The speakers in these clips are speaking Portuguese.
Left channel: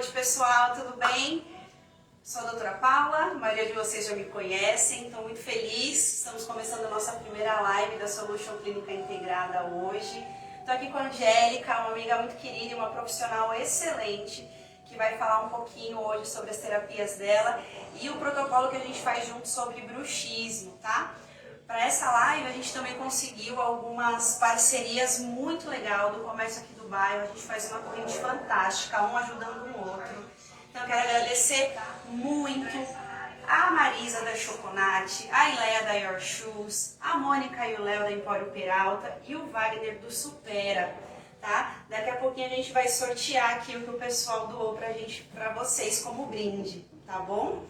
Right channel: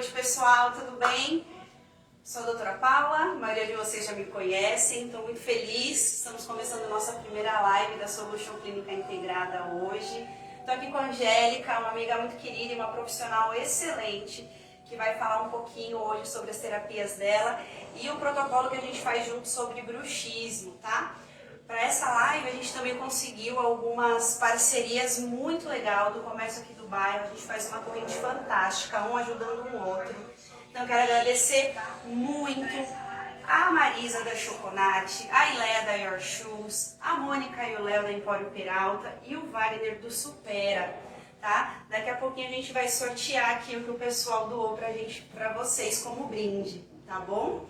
noite, pessoal, tudo bem? Sou a doutora Paula, a maioria de vocês já me conhecem, estou muito feliz. Estamos começando a nossa primeira live da Solution Clínica Integrada hoje. Estou aqui com a Angélica, uma amiga muito querida e uma profissional excelente, que vai falar um pouquinho hoje sobre as terapias dela e o protocolo que a gente faz junto sobre bruxismo, tá? Para essa live a gente também conseguiu algumas parcerias muito legais do comércio aqui do bairro. A gente faz uma corrente fantástica, um ajudando o outro. Então eu quero agradecer muito a Marisa da Choconate, a Ileia da Your Shoes, a Mônica e o Léo da Empório Peralta e o Wagner do Supera, tá? Daqui a pouquinho a gente vai sortear aqui o que o pessoal doou pra vocês como brinde, tá bom?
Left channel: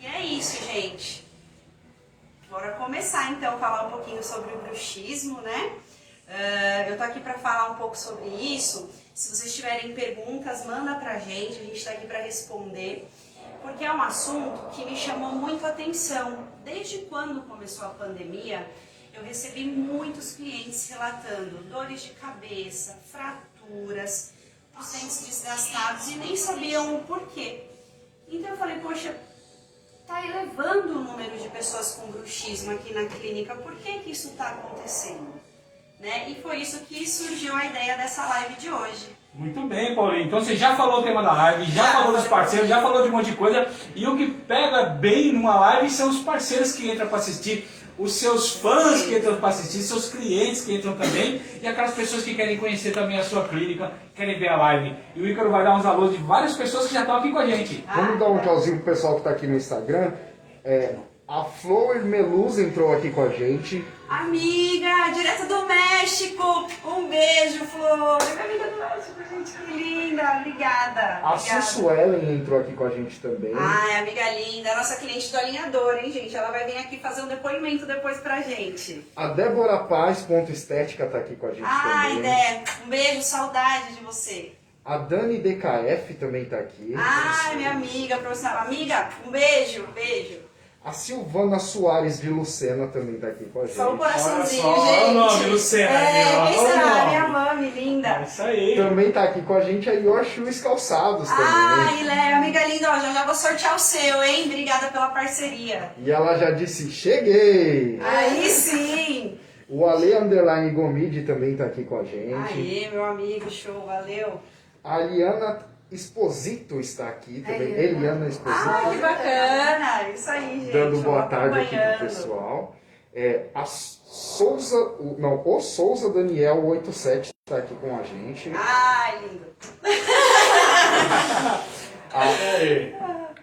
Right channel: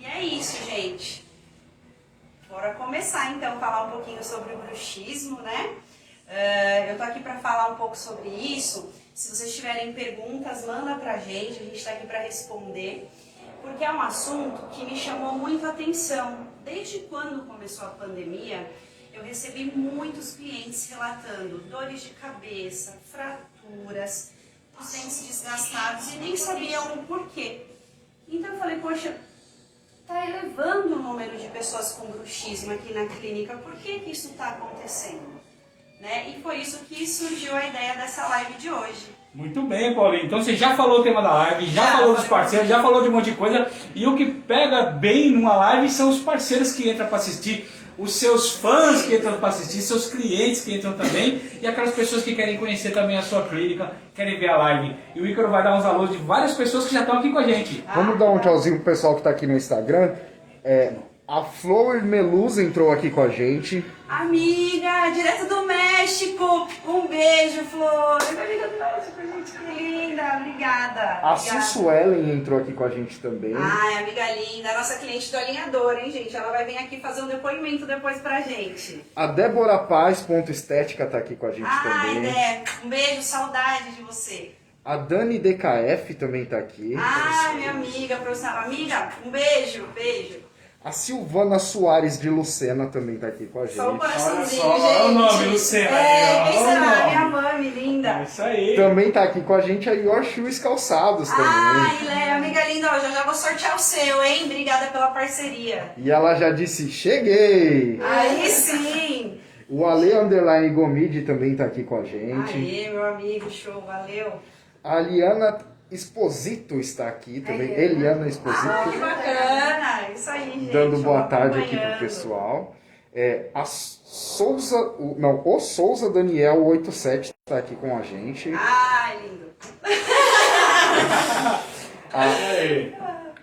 E é isso, gente. Bora começar então a falar um pouquinho sobre o bruxismo, né? Eu tô aqui para falar um pouco sobre isso. Se vocês tiverem perguntas, manda pra gente, a gente tá aqui para responder, porque é um assunto que me chamou muito a atenção. Desde quando começou a pandemia, eu recebi muitos clientes relatando dores de cabeça, fraturas, os dentes desgastados e nem sabiam o porquê. Então eu falei, poxa, está elevando o número de pessoas com bruxismo aqui na clínica, por que que isso está acontecendo? Né? E foi isso que surgiu a ideia dessa live de hoje. Muito bem, Paulinho. Então você já falou o tema da live, já falou dos parceiros, já falou de um monte de coisa. E o que pega bem numa live são os parceiros que entram para assistir, os seus fãs que entram para assistir, seus clientes que entram também, e aquelas pessoas que querem conhecer também a sua clínica, querem ver a live. E o Ícaro vai dar uns alôs de várias pessoas que já estão aqui com a gente. Vamos dar um tchauzinho pro pessoal que está aqui no Instagram. A Flor Meluz entrou aqui com a gente. Amiga, direto do México! Um beijo, Flor! Amiga do México, gente, que linda! Obrigada! A Sussuelen entrou aqui com a gente também. Ai, amiga linda, nossa cliente do alinhador, hein, gente? Ela vai vir aqui fazer um depoimento depois pra gente. A Débora Paz, ponto estética, tá aqui com a gente Ai, também. Dé, um beijo, saudade de você. A Dani DKF também tá aqui. Ai, minha amiga, profissional. Amiga, um beijo, beijo. A Silvana Soares de Lucena também tá aqui com a gente. Só um coraçãozinho, Olha só, gente. olha o nome, Luciana. Quem Olha o será? nome. Minha mãe, linda. É isso aí. Também tá aqui com a gente a Your Shoes Calçados também. Ai, Léo, amiga linda, ó, já vou sortear o seu, hein? Obrigada pela parceria. E ela já disse, cheguei! Aí sim. O Ale Underline Gomide também tá aqui com a gente. Aê, meu amigo, show, valeu. A Liana Exposito está aqui também. Eliana Exposito. Ah, que bacana, isso aí, gente. Dando boa tarde aqui pro acompanhando. pessoal. A Souza, o Souza Daniel 87 está aqui com a gente. Ai, lindo.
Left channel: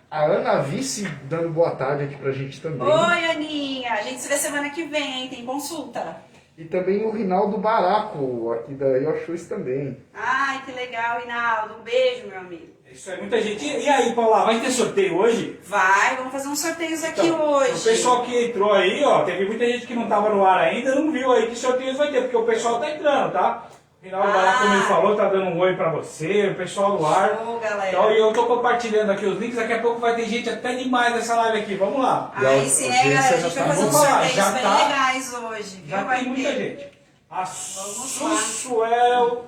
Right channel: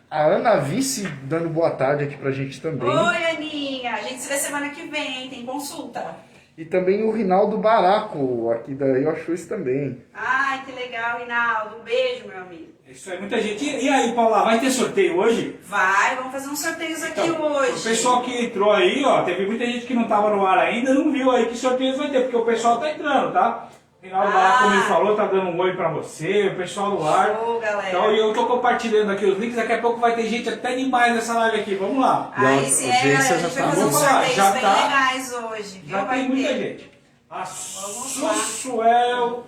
A Ana Vice dando boa tarde aqui pra gente também. Oi, Aninha. A gente se vê semana que vem, tem consulta. E também o Rinaldo Baraco, aqui da Yoshus também. Ai, que legal, Rinaldo. Um beijo, meu amigo. Isso é muita gente. E aí, Paula, vai ter sorteio hoje? Vai, vamos fazer uns sorteios aqui Então, hoje. o pessoal que entrou aí, ó, teve muita gente que não estava no ar ainda, não viu aí que sorteio vai ter, porque o pessoal tá entrando, tá? O Rinaldo Baraco, como ele falou, tá dando um oi pra você, o pessoal no ar. Show, galera. Então, e eu tô compartilhando aqui os links, daqui a pouco vai ter gente até demais nessa live aqui, vamos lá. Aí sim, galera, a gente vai fazer uns Vamos lá, sorteios já bem tá- legais hoje. Já Vai tem muita ter. gente. A lá. Sussuel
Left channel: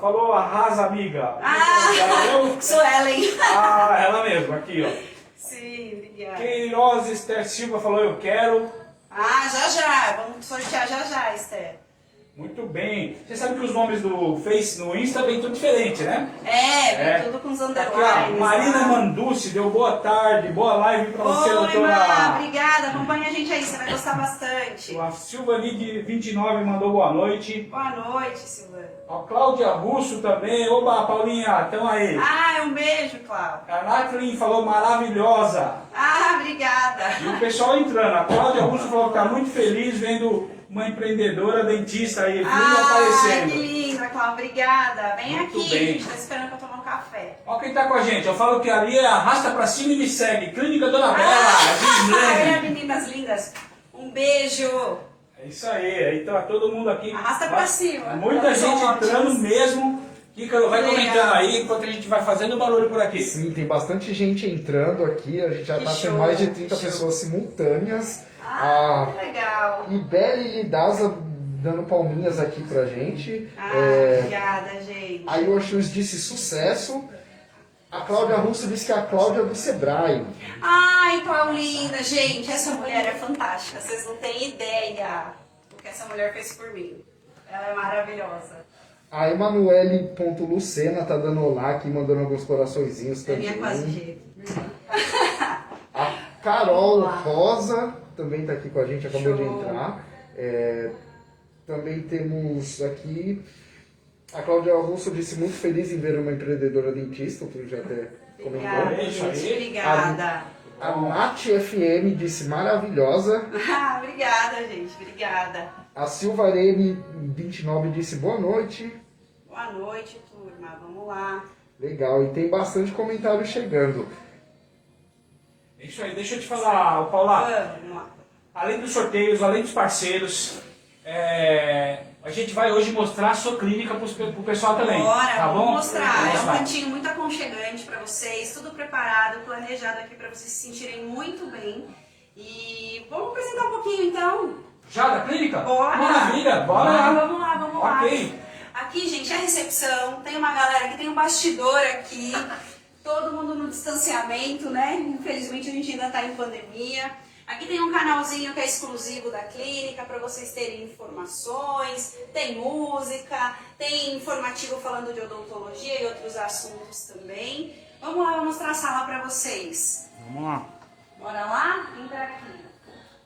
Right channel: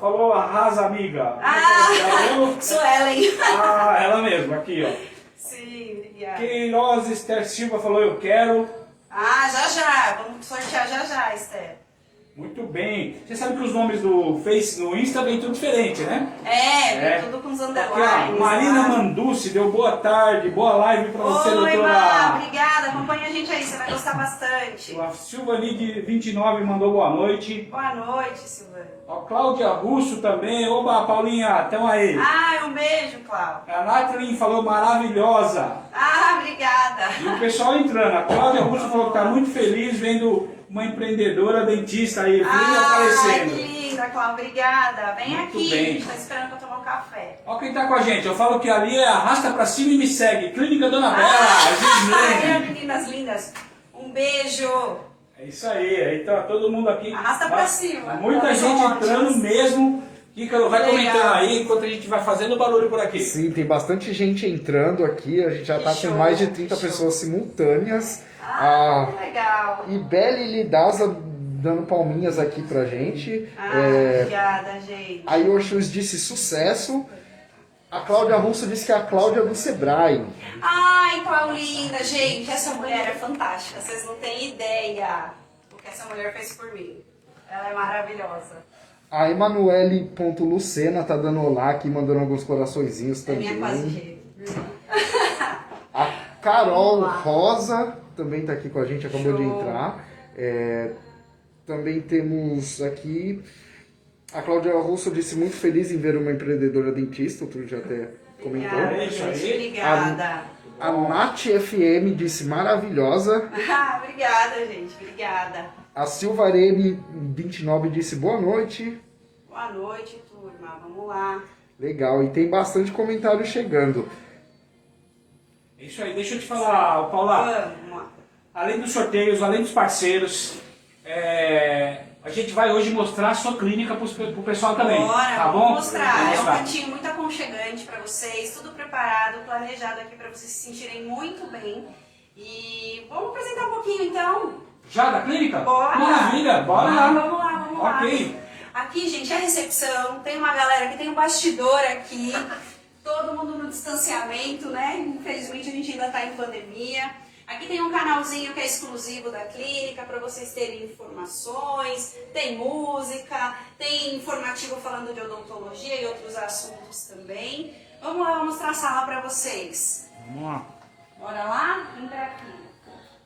falou, arrasa, amiga. Ah, Suelen. Ah, ela mesma, aqui, ó. Sim, obrigada. Queiroz Esther Silva falou, eu quero. Ah, já. Vamos sortear já, Esther. Muito bem. Você sabe que os nomes do Face, no Insta, vem tudo diferente, né? Vem tudo com os Aqui, ó, underlines. Marina lá. Manducci deu boa tarde, boa live pra você, Oi, doutora. Má, obrigada. Acompanha a gente aí, você vai gostar bastante. A Silva de 29 mandou boa noite. Boa noite, Silvana. A Cláudia Russo também. Oba, Paulinha, tamo aí. Ah, um beijo, Cláudia. A Nathalie falou maravilhosa. Ah, obrigada. E o pessoal entrando. A Cláudia Russo falou que tá muito feliz vendo uma empreendedora dentista aí, Ah, que aparecendo. linda, Cláudia. Obrigada. Vem Muito aqui, bem. a gente tá esperando pra tomar um café. Olha quem tá com a gente. Eu falo que ali é arrasta pra cima e me segue. Clínica Dona Bela, Gislene. Meninas lindas. Um beijo. É isso aí. Então todo mundo aqui. Arrasta pra cima. Muita Elas gente são entrando ótimas. mesmo. Ícaro, vai Legal. comentando aí enquanto a gente vai fazendo barulho por aqui. Sim, tem bastante gente entrando aqui. A gente já Que tá show, com mais de 30 que show. pessoas simultâneas. Ah, legal. E Beli Lidaza dando palminhas aqui pra gente. Ah, obrigada, gente. A Yoshus disse sucesso. A Cláudia Russo disse que é a Cláudia do Sebrae. Ai, Paulina, gente, essa mulher é fantástica. Vocês não têm ideia o que essa mulher fez por mim. Ela é maravilhosa. A Emanuele.lucena tá dando olá aqui, mandando alguns coraçõezinhos É também. minha quase G. A Carol Vamos lá. Rosa também tá aqui com a gente, acabou de Show. entrar. Também temos aqui... A Cláudia Russo disse muito feliz em ver uma empreendedora dentista, tu já até comentou. Obrigada, Isso aí. gente. Obrigada. A Nath FM disse maravilhosa. Ah, obrigada, gente. Obrigada. A Silvarene29 disse boa noite. Boa noite, turma. Vamos lá. Legal, e tem bastante comentário chegando. É isso aí, deixa eu te falar, Paula. Vamos lá. Além dos sorteios, além dos parceiros, a gente vai hoje mostrar a sua clínica pro pessoal também. Bora, tá vamos bom? mostrar. Vamos É um mostrar. cantinho muito aconchegante para vocês, tudo preparado, planejado aqui para vocês se sentirem muito bem. E vamos apresentar um pouquinho então. Já da clínica? Bora! Maravilha, bora lá. Vamos lá, vamos lá. Ok. Aqui, gente, é a recepção, tem uma galera que tem um bastidor aqui, todo mundo no distanciamento, né? Infelizmente a gente ainda está em pandemia. Aqui tem um canalzinho que é exclusivo da clínica para vocês terem informações, tem música, tem informativo falando de odontologia e outros assuntos também. Vamos lá, eu vou mostrar a sala para vocês. Vamos lá. Bora lá? Entra aqui.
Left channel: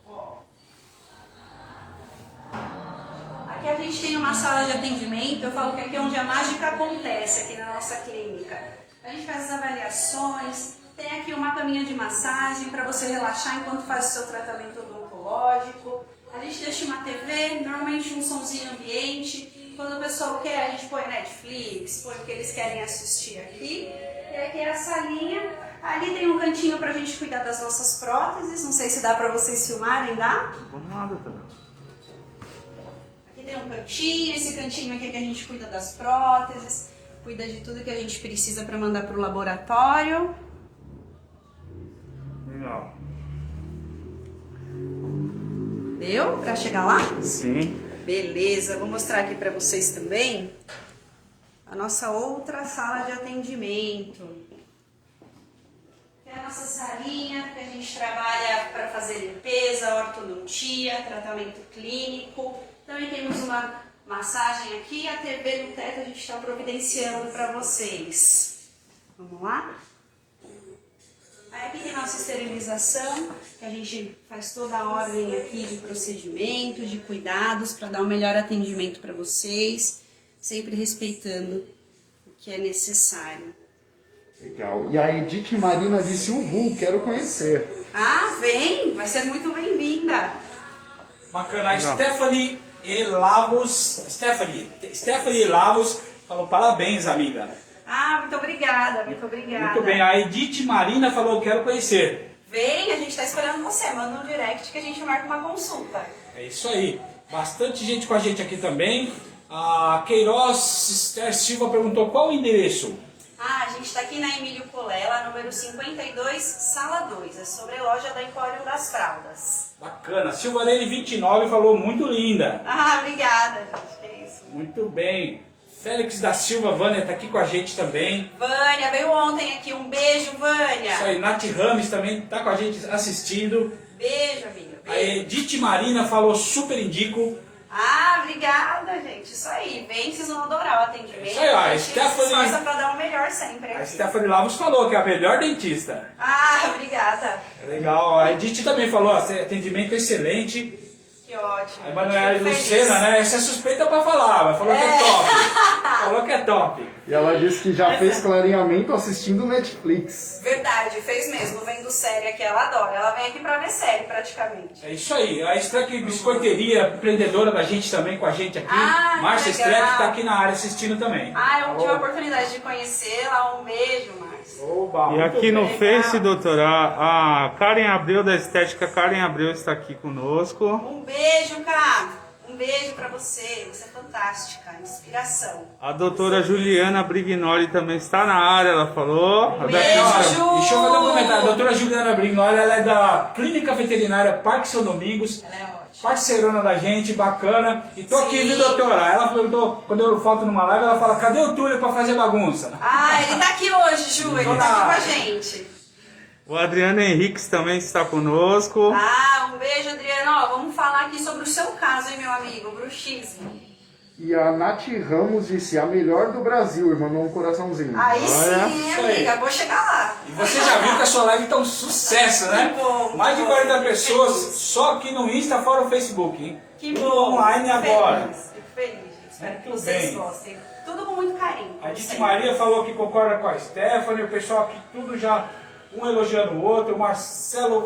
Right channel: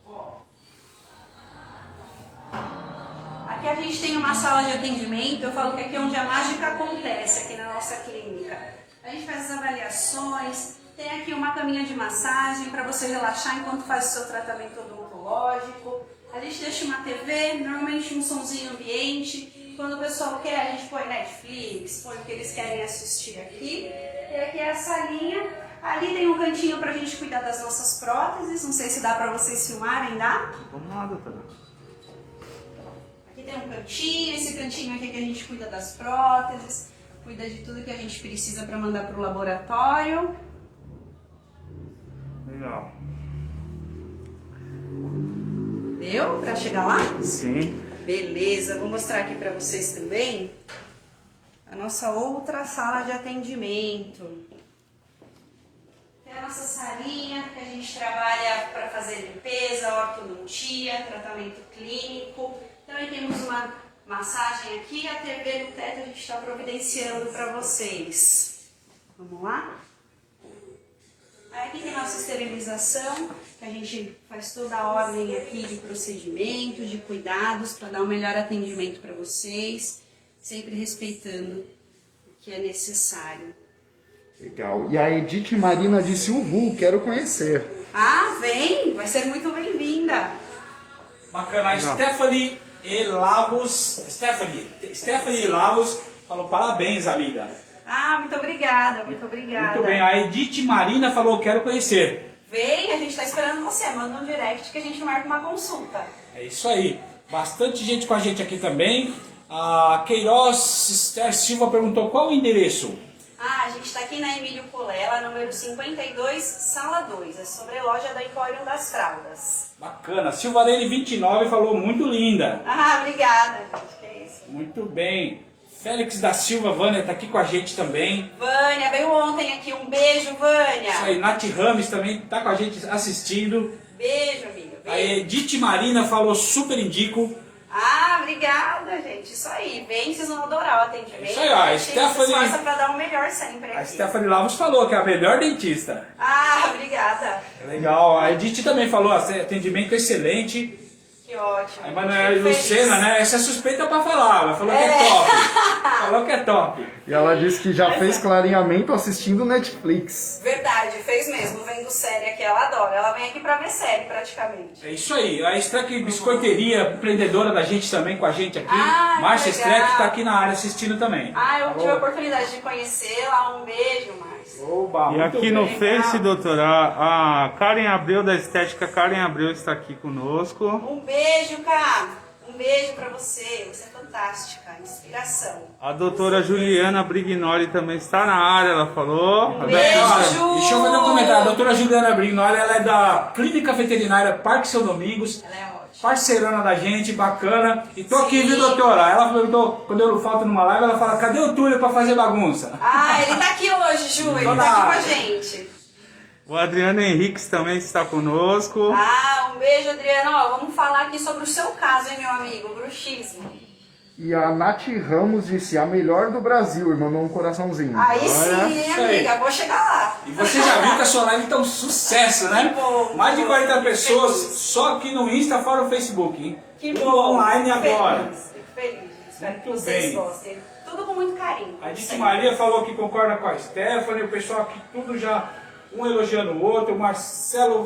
Ó. Aqui a gente tem uma sala de atendimento, eu falo que aqui é onde a mágica acontece, aqui na nossa clínica. A gente faz as avaliações, tem aqui uma caminha de massagem para você relaxar enquanto faz o seu tratamento odontológico. A gente deixa uma TV, normalmente um somzinho ambiente. Quando o pessoal quer, a gente põe Netflix, põe o que eles querem assistir aqui. E aqui é a salinha. Ali tem um cantinho para a gente cuidar das nossas próteses. Não sei se dá para vocês filmarem, dá? Vamos lá, doutora. Aqui tem um cantinho, esse cantinho aqui que a gente cuida das próteses, cuida de tudo que a gente precisa para mandar para o laboratório. Legal. Deu para chegar lá? Sim. Beleza, vou mostrar aqui para vocês também a nossa outra sala de atendimento. É a nossa salinha que a gente trabalha para fazer limpeza, ortodontia, tratamento clínico. Também temos uma massagem aqui, a TV no teto a gente está providenciando para vocês. Vamos lá? Aí aqui tem nossa esterilização, que a gente faz toda a ordem aqui de procedimento, de cuidados, para dar o melhor atendimento para vocês, sempre respeitando o que é necessário. Legal. E a Edith Marina disse, uhul, quero conhecer. Ah, vem! Vai ser muito bem-vinda! Bacana. A Stephanie Lavos falou parabéns, amiga. Ah, muito obrigada, muito obrigada. Muito bem. A Edith Marina falou quero conhecer. Vem, a gente está esperando você, manda um direct que a gente marca uma consulta. É isso aí. Bastante gente com a gente aqui também. A Queiroz Esther Silva perguntou qual o endereço. Ah, a gente está aqui na Emílio Colela, número 52, sala 2, a sobreloja da Empório das Fraldas. Bacana. Silvarene 29 falou muito linda. Ah, obrigada, gente, que é isso. Muito bem. Félix da Silva, Vânia está aqui com a gente também. Vânia, veio ontem aqui, um beijo, Vânia. Isso aí, Nath Rames também está com a gente assistindo. Beijo, amiga, A beijo. Edith Marina falou super indico. Ah, obrigada, gente, isso aí, vem, vocês vão adorar o atendimento. Isso aí, ó, a A gente se Stephanie- esforça pra dar o melhor sempre A aqui. Stephanie Lavos falou que é a melhor dentista. Ah, obrigada, Legal. A Edith também falou, atendimento excelente. que ótimo. A Emanuele Fico feliz. Lucena, né? Essa é suspeita pra falar, ela falou que é top. Falou que é top. E ela disse que já fez clareamento assistindo Netflix. Verdade, fez mesmo, vendo série aqui, ela adora. Ela vem aqui pra ver série, praticamente. É isso aí. A Streck Biscoiteria, empreendedora da gente também, com a gente aqui. Ah, Márcia que legal. Streck tá aqui na área assistindo também. Ah, eu tive a Falou. oportunidade de conhecê-la, um beijo, Márcia. Oba, E muito aqui no bem. Face, doutora, a Karen Abreu da Estética Karen Abreu está aqui conosco. Um beijo, cara. Um beijo pra você. Você é fantástica, inspiração. A doutora Juliana Brignoli também está na área, ela falou. Um A beijo. doutora- Deixa eu fazer um comentário. A doutora Juliana Brignoli, ela é da Clínica Veterinária Parque São Domingos. Ela é ótima. parceirona da gente, bacana. E tô aqui, Sim. viu, doutora? Ela perguntou, quando eu falto numa live, ela fala, cadê o Túlio pra fazer bagunça? Ah, ele tá aqui hoje, Ju, ele tá aqui com a gente. O Adriano Henriques também está conosco. Ah, um beijo, Adriano. Ó, vamos falar aqui sobre o seu caso, hein, meu amigo, bruxismo. E a Nath Ramos disse, a melhor do Brasil, e mandou um coraçãozinho. Aí Olha. sim, hein, amiga, vou chegar lá. E você já viu que a sua live tá um sucesso, né? Que bom, Mais de que 40 bom. pessoas Fico feliz. só aqui no Insta, fora o Facebook, hein? Que Tudo bom. online Fico agora. feliz, fico feliz. Espero que Muito vocês bem. gostem. Tudo com muito carinho. A Dite sempre. Maria falou que concorda com a Stephanie, o pessoal aqui tudo já, um elogiando o outro. O Marcelo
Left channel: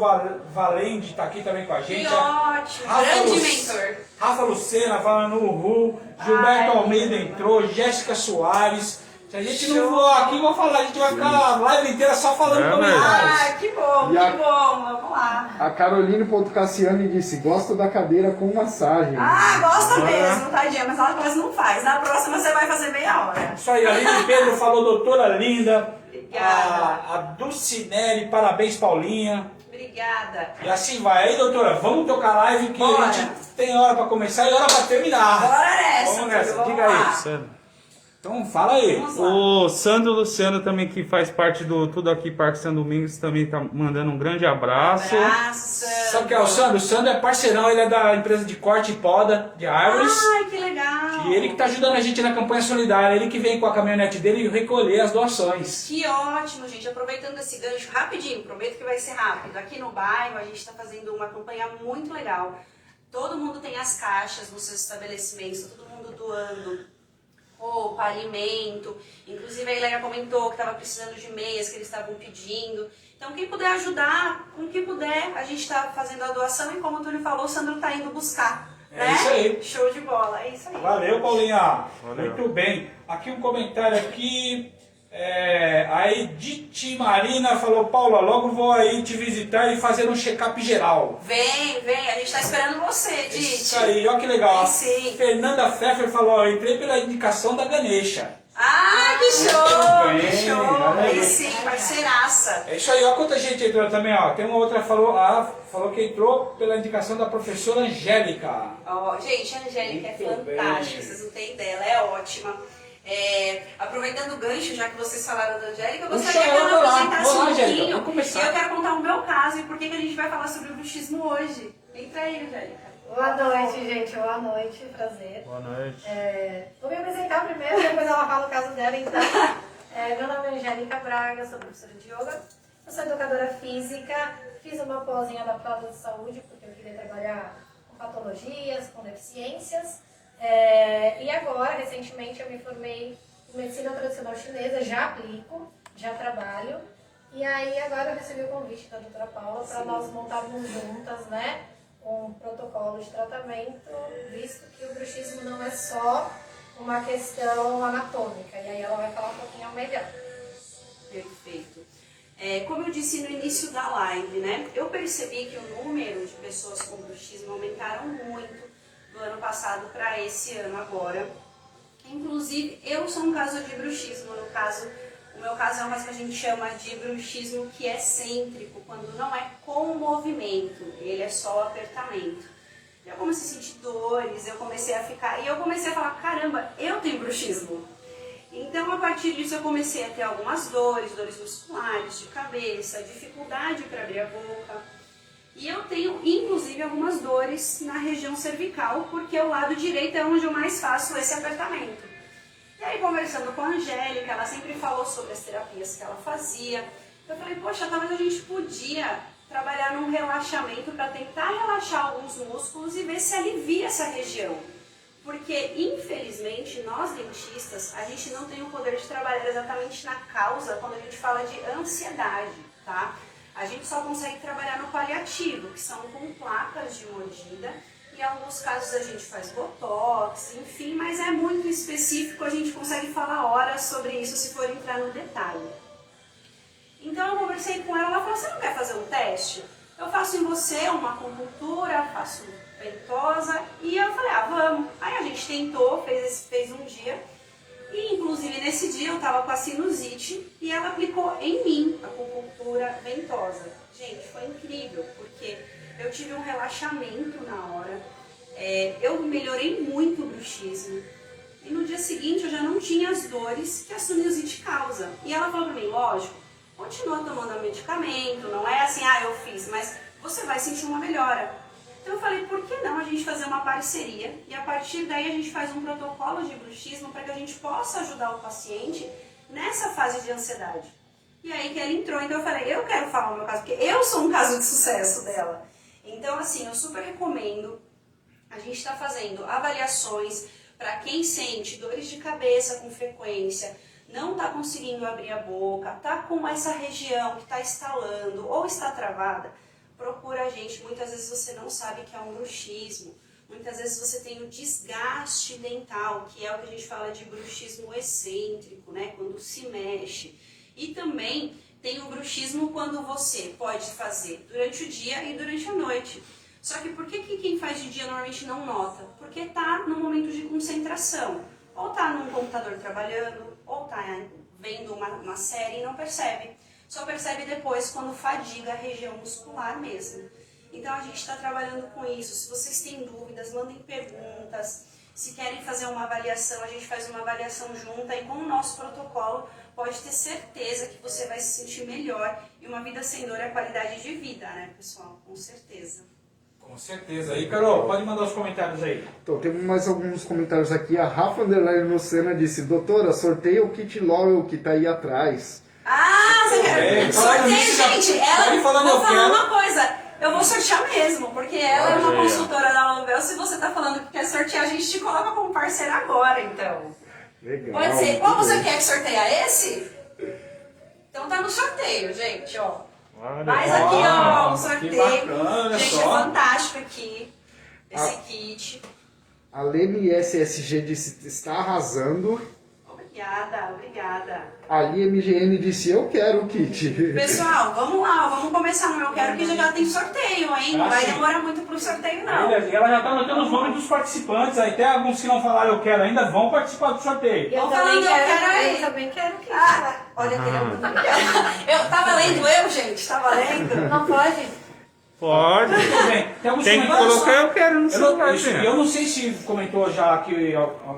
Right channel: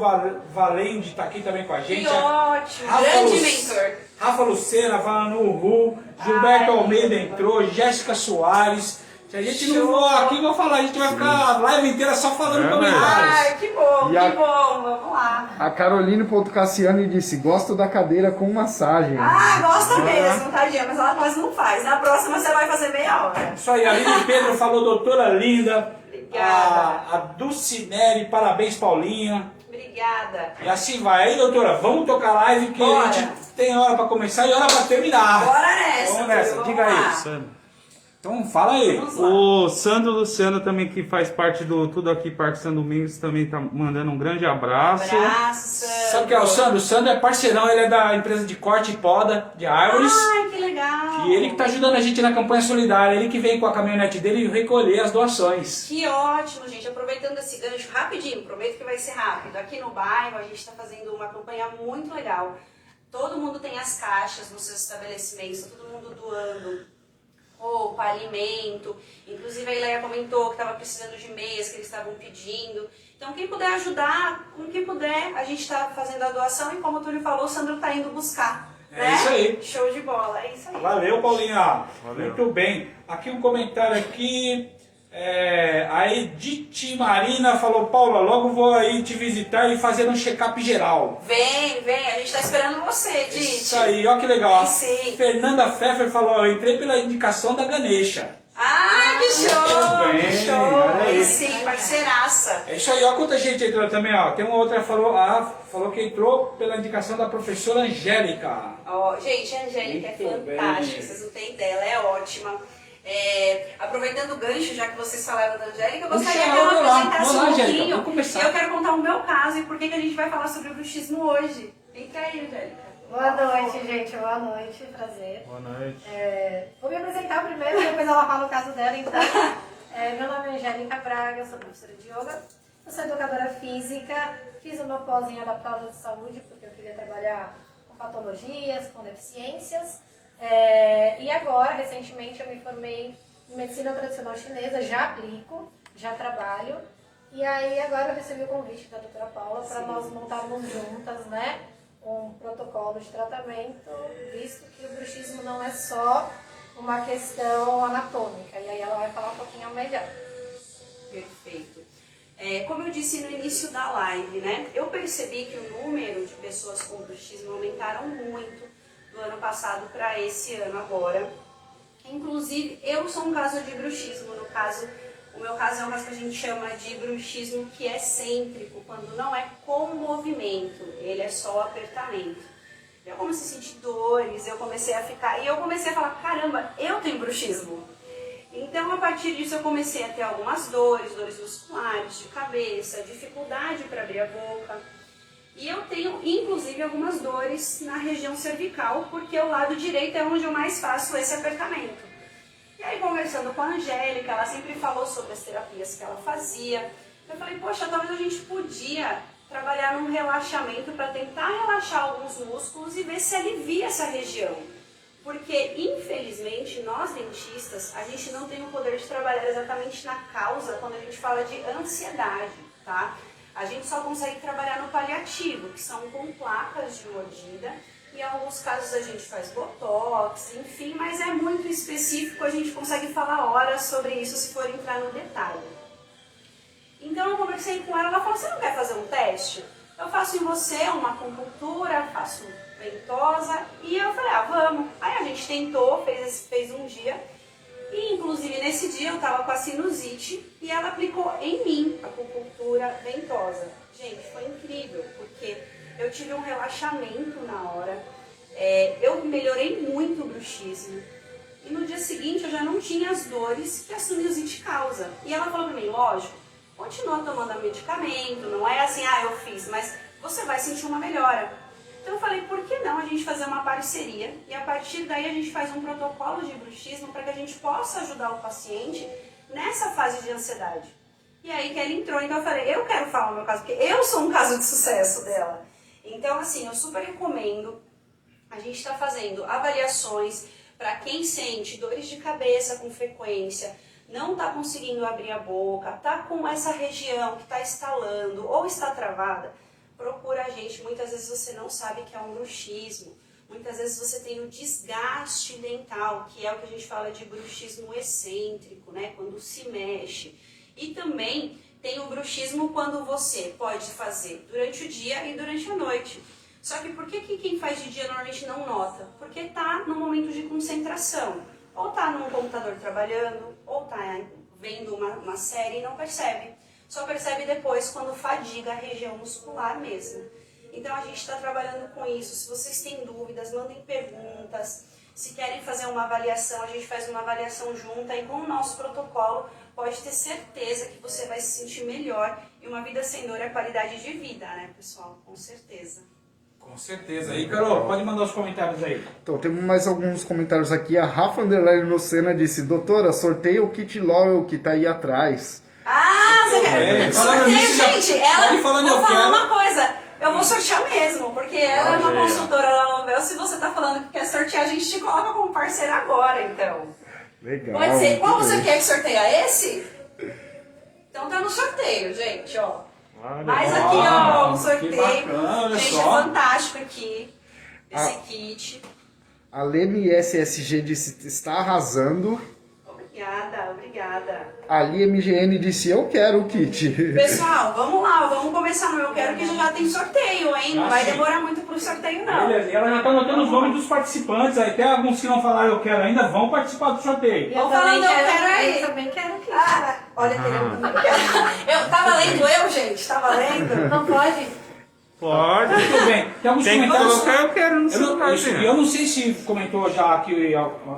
Valende está aqui também com a gente. Que ótimo, Rafa grande Lu- mentor. Rafa Lucena falando uhul, Gilberto Ai, Almeida que entrou, Jéssica Soares. Se a gente não Show. for aqui, vou falar, a gente vai ficar a live inteira só falando É comentários. Ai, que bom, E a- que bom. Vamos lá. A Caroline.Cassiane disse, gosto da cadeira com massagem. Ah, gosta mesmo, tadinha, mas ela quase não faz. Na próxima você vai fazer meia hora. Isso aí, a Aline Pedro falou doutora linda. Obrigada. A Dulcinelli, parabéns Paulinha. Obrigada. E assim vai. Aí, doutora, vamos tocar live que Bora. a gente tem hora pra começar e hora pra terminar. Bora nessa, Vamos nessa, filho, diga vamos aí. lá. Sandro. Então fala aí. Vamos lá. O Sandro Luciano também, que faz parte do Tudo Aqui Parque São Domingos, também tá mandando um grande abraço. Abraço, Sandro. Sabe quem é o Sandro? O Sandro é parceirão, ele é da empresa de corte e poda de árvores. Ai, que legal. E ele que tá ajudando a gente na campanha solidária. Ele que veio com a caminhonete dele recolher as doações. Que ótimo, gente. Aproveitando esse gancho rapidinho, prometo que vai ser rápido. Aqui no bairro a gente está fazendo uma campanha muito legal. Todo mundo tem as caixas nos seus estabelecimentos, todo mundo doando roupa, alimento. Inclusive a Ileia comentou que estava precisando de meias que eles estavam pedindo. Então quem puder ajudar, com quem puder, a gente está fazendo a doação e como o Túlio falou, o Sandro está indo buscar. É né? isso aí. Show de bola, é isso aí. Valeu, Paulinha. Valeu. Muito bem. Aqui um comentário aqui. A Edith Marina falou, Paula, logo vou aí te visitar e fazer um check-up geral. Vem, a gente está esperando você, Dite. Isso aí, ó que legal. Vem sim. Fernanda Pfeffer falou, eu entrei pela indicação da Ganesha. Ah, que show! Muito bem, Que show! olha aí. Aí sim, parceiraça. É isso aí, ó quanta gente entrou também, ó. Tem uma outra que falou que entrou pela indicação da professora Angélica. Ó, gente, a Angélica é Muito bem. fantástica, vocês não têm ideia, ela é ótima. Aproveitando o gancho, já que vocês falaram da Angélica, eu gostaria Puxa, que ela vamos lá. apresentasse Vamos lá, um Angélica, pouquinho. vamos começar. E eu quero contar o meu caso e por que que a gente vai falar sobre o bruxismo hoje. Entra aí, Angélica. Boa noite, gente. Boa noite. Prazer. Boa noite. Vou me apresentar primeiro, depois ela fala o caso dela. Então, meu nome é Angélica Braga, sou professora de yoga. Eu sou educadora física. Fiz uma pós em adaptada de saúde, porque eu queria trabalhar com patologias, com deficiências. E agora, recentemente, eu me formei em medicina tradicional chinesa. Já aplico, já trabalho. E aí, agora eu recebi o convite da doutora Paula para nós montarmos juntas, né? Um protocolo de tratamento, visto que o bruxismo não é só uma questão anatômica. E aí ela vai falar um pouquinho melhor. Perfeito. Como eu disse no início da live, né? Eu percebi que o número de pessoas com bruxismo aumentaram muito do ano passado para esse ano agora. Inclusive, eu sou um caso de bruxismo. No caso, o meu caso é um caso que a gente chama de bruxismo que é cêntrico, quando não é com movimento, ele é só apertamento. Eu comecei a sentir dores, eu comecei a falar, caramba, eu tenho bruxismo. Então, a partir disso, eu comecei a ter algumas dores musculares, de cabeça, dificuldade para abrir a boca. E eu tenho, inclusive, algumas dores na região cervical, porque o lado direito é onde eu mais faço esse apertamento. E aí, conversando com a Angélica, ela sempre falou sobre as terapias que ela fazia. Eu falei, poxa, talvez a gente podia trabalhar num relaxamento para tentar relaxar alguns músculos e ver se alivia essa região. Porque, infelizmente, nós dentistas, a gente não tem o poder de trabalhar exatamente na causa quando a gente fala de ansiedade, tá? A gente só consegue trabalhar no paliativo, que são com placas de mordida. Em alguns casos a gente faz botox, enfim, mas é muito específico, a gente consegue falar horas sobre isso se for entrar no detalhe. Então eu conversei com ela, ela falou, você não quer fazer um teste? Eu faço em você uma acupuntura, faço ventosa, e eu falei, vamos. Aí a gente tentou, fez um dia, e inclusive nesse dia eu tava com a sinusite, e ela aplicou em mim a acupuntura ventosa. Gente, foi incrível, porque eu tive um relaxamento na hora, eu melhorei muito o bruxismo. E no dia seguinte eu já não tinha as dores que a sinusite causa. E ela falou pra mim, lógico, continua tomando medicamento, não é assim, eu fiz, mas você vai sentir uma melhora. Então eu falei, por que não a gente fazer uma parceria e a partir daí a gente faz um protocolo de bruxismo para que a gente possa ajudar o paciente nessa fase de ansiedade. E aí que ela entrou, então eu falei, eu quero falar o meu caso, porque eu sou um caso de sucesso dela. Então assim, eu super recomendo, a gente está fazendo avaliações para quem sente dores de cabeça com frequência, não está conseguindo abrir a boca, está com essa região que está estalando ou está travada, procura a gente. Muitas vezes você não sabe que é um bruxismo, muitas vezes você tem o desgaste dental, que é o que a gente fala de bruxismo excêntrico, né? Quando se mexe. E também tem o bruxismo quando você pode fazer durante o dia e durante a noite. Só que por que quem faz de dia normalmente não nota? Porque está no momento de concentração. Ou está num computador trabalhando, ou está vendo uma série e não percebe. Só percebe depois quando fadiga a região muscular mesmo. Então a gente está trabalhando com isso. Se vocês têm dúvidas, mandem perguntas. Se querem fazer uma avaliação, a gente faz uma avaliação junta. E com o nosso protocolo, pode ter certeza que você vai se sentir melhor. E uma vida sem dor é qualidade de vida, né, pessoal? Com certeza. Com certeza. Aí, Carol, pode mandar os comentários aí. Então, temos mais alguns comentários aqui. A Rafa Underline Lucena disse, doutora, sorteia o kit Loyal que tá aí atrás. Você quer? Sorteio, gente. Ela, falando vou eu falar quero. uma coisa. Eu vou sortear mesmo, porque ela é uma consultora da Lovel. Se você tá falando que quer sortear, a gente te coloca como parceira agora, então. Legal. Pode ser. Qual muito você bem. quer que sorteia? Esse? Então tá no sorteio, gente, ó. Mais aqui, ó, um sorteio. bacana, Gente, só. é fantástico aqui, esse kit. A Leme SSG disse, está arrasando. Obrigada, obrigada. Ali MGN disse, eu quero o kit. Pessoal, vamos lá, vamos começar no Eu Quero, que já tem sorteio, hein? Não vai sim. demorar muito pro sorteio, não. Beleza, e ela já está anotando os nomes dos participantes. Aí até alguns que não falaram eu quero ainda vão participar do sorteio. Vamos falando, eu quero aí. Eu também quero que. Olha, eu tava lendo gente? Tava lendo? Não pode? Pode. Tudo bem. Tem alguns Tem que comentários. colocar eu quero no celular. Eu não sei se comentou já aqui,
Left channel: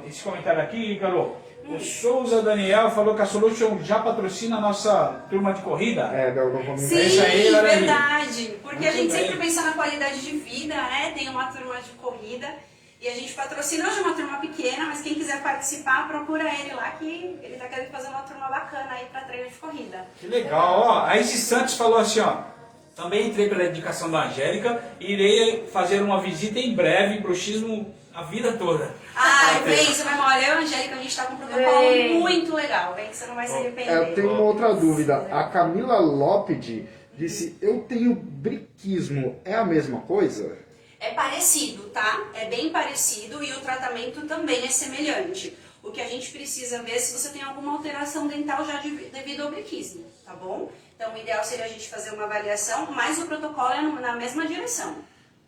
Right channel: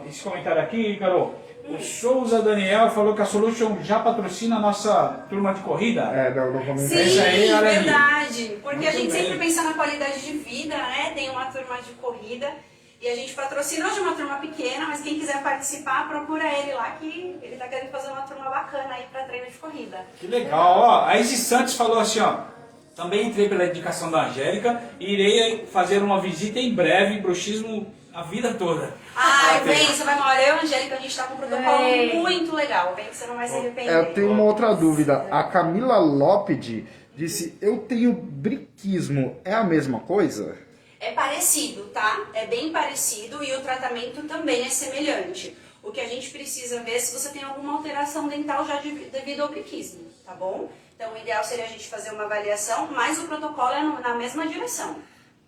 esse comentário aqui, Carol. O Souza Daniel falou que a Solution já patrocina a nossa turma de corrida. Não vamos Sim, Isso aí, olha aí. verdade. Porque Muito a gente bem. sempre pensa na qualidade de vida, né? Tem uma turma de corrida e a gente patrocina hoje uma turma pequena, mas quem quiser participar, procura ele lá que ele tá querendo fazer uma turma bacana aí para treino de corrida. Que legal, ó. A Isis Santos falou assim, ó. Também entrei pela indicação da Angélica e irei fazer uma visita em breve, bruxismo a vida toda. Vem, você vai olha, eu e a Angélica, a gente tá com um protocolo muito legal, vem que você não vai se arrepender. Eu tenho uma outra dúvida. A Camila Lópede disse, eu tenho briquismo, é a mesma coisa? É parecido, tá? É bem parecido e o tratamento também é semelhante. O que a gente precisa ver é se você tem alguma alteração dental já devido ao briquismo, tá bom? Então o ideal seria a gente fazer uma avaliação, mas o protocolo é na mesma direção.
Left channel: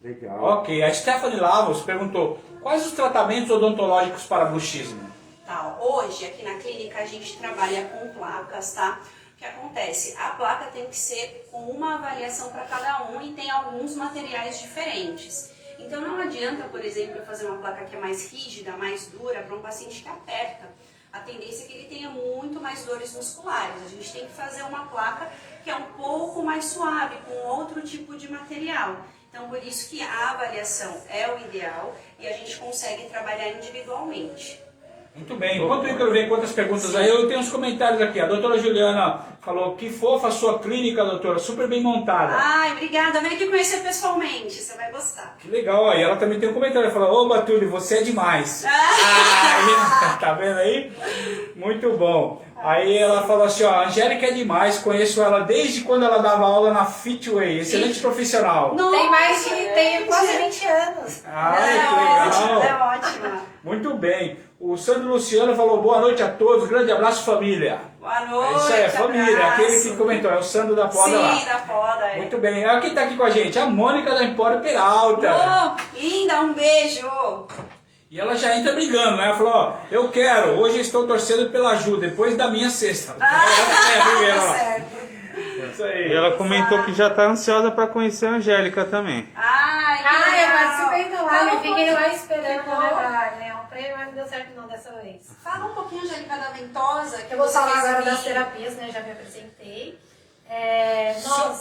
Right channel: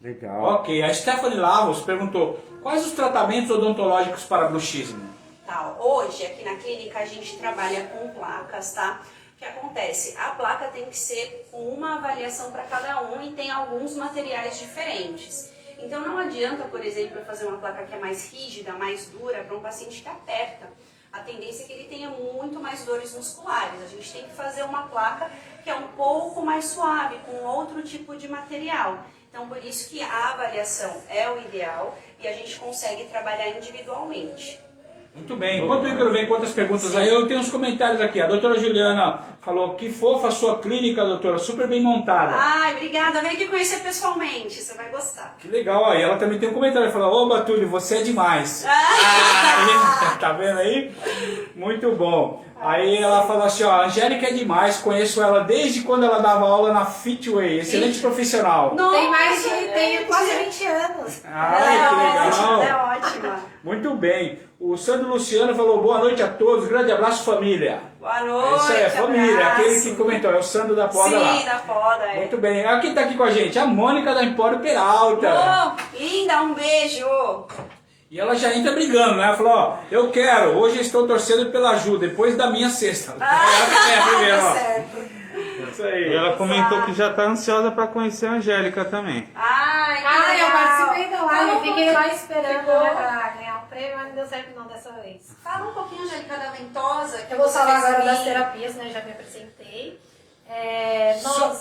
Legal. Ok, a Stephanie Lavos perguntou, quais os tratamentos odontológicos para bruxismo? Tá, hoje aqui na clínica a gente trabalha com placas, tá? O que acontece? A placa tem que ser com uma avaliação para cada um e tem alguns materiais diferentes. Então não adianta, por exemplo, eu fazer uma placa que é mais rígida, mais dura, para um paciente que aperta. A tendência é que ele tenha muito mais dores musculares. A gente tem que fazer uma placa que é um pouco mais suave, com outro tipo de material. Então, por isso que a avaliação é o ideal e a gente consegue trabalhar individualmente. Muito bem, enquanto o Ícaro vem com outras perguntas aí, eu tenho uns comentários aqui. A doutora Juliana falou, que fofa a sua clínica, doutora, super bem montada. Ai, obrigada. Vem aqui conhecer pessoalmente, você vai gostar. Que legal, ó. E ela também tem um comentário, ela falou, ô Batúlio, você é demais. Tá vendo aí? Muito bom. Aí ela falou assim, ó, a Angélica é demais, conheço ela desde quando ela dava aula na Fitway, excelente profissional. Tem quase 20 anos. Ela é ótima, ela é ótima. Muito bem. O Sandro Luciano falou, boa noite a todos, grande abraço família. Boa noite, É isso aí, a família, abraço. aquele que comentou, é o Sandro da Poda lá. Sim, da Poda, é. Muito bem, quem tá aqui com a gente? A Mônica da Empório Peralta. Oh, linda, um beijo. E ela já entra brigando, né? Ela falou, ó, eu quero, hoje eu estou torcendo pela Ju, depois da minha sexta. Tá certo. Tá Isso aí. E ela comentou que já tá ansiosa pra conhecer a Angélica também. Ai, que Ah, eu legal. participei da live, Fala um fiquei lá pouquinho. esperando, né, pra ganhar um prêmio, mas não deu certo não dessa vez. Fala um pouquinho, Angélica, da Ventosa. Que Eu vou você falar fez agora ali. das terapias, né, já me apresentei. Só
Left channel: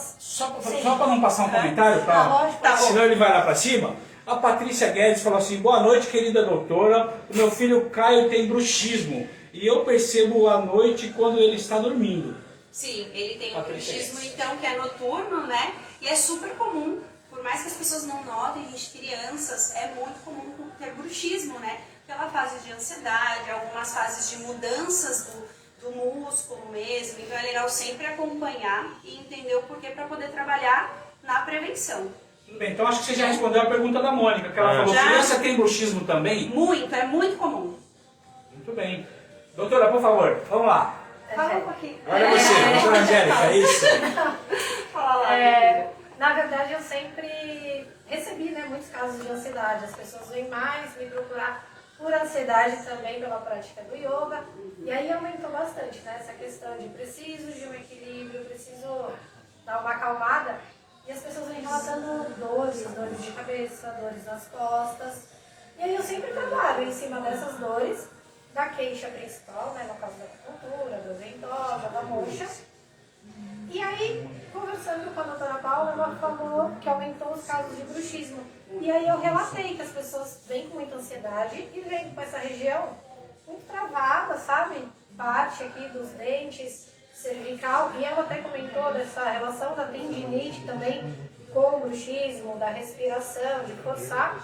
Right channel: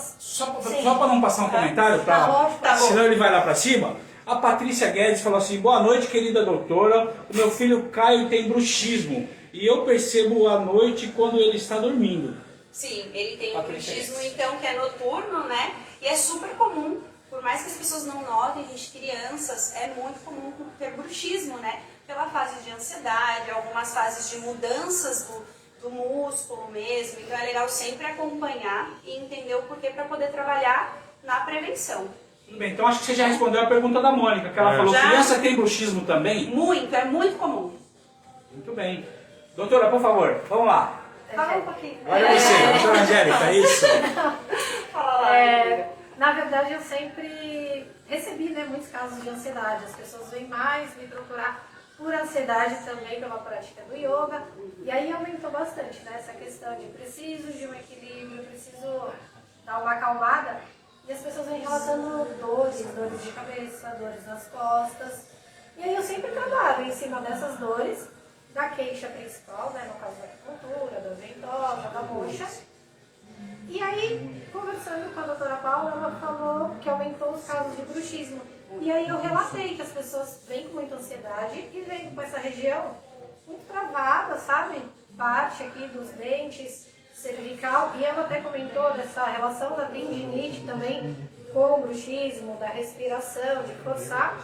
Sim. para não passar um comentário, Tá, lógico. Tá bom. senão ele vai lá para cima. A Patrícia Guedes falou assim: boa noite, querida doutora. O meu filho Caio tem bruxismo e eu percebo à noite quando ele está dormindo. Sim, ele tem um Patrícia bruxismo, Guedes. então, que é noturno, né? E é super comum. Por mais que as pessoas não notem, gente, crianças, é muito comum ter bruxismo, né? Pela fase de ansiedade, algumas fases de mudanças do músculo mesmo. Então é legal sempre acompanhar e entender o porquê para poder trabalhar na prevenção. Tudo bem, então acho que você já respondeu a pergunta da Mônica, que ela falou: Já. criança tem bruxismo também? Muito, é muito comum. Muito bem. Doutora, por favor, vamos lá. Fala um pouquinho. Agora é você, doutora Angélica, isso. Fala lá. Na verdade, eu sempre recebi, né, muitos casos de ansiedade. As pessoas vêm mais me procurar por ansiedade também pela prática do yoga. E aí aumentou bastante, né, essa questão de preciso de um equilíbrio, preciso dar uma acalmada. E as pessoas vêm relatando dores de cabeça, dores nas costas. E aí eu sempre trabalho em cima dessas dores, da queixa principal, né, no caso da acupuntura, da ventosa, da moxa. E aí, conversando com a doutora Paula, ela falou que aumentou os casos de bruxismo. E aí eu relatei que as pessoas vêm com muita ansiedade e vêm com essa região muito travada, sabe? Parte aqui dos dentes, cervical. E ela até comentou dessa relação da tendinite também com o bruxismo, da respiração, de forçar.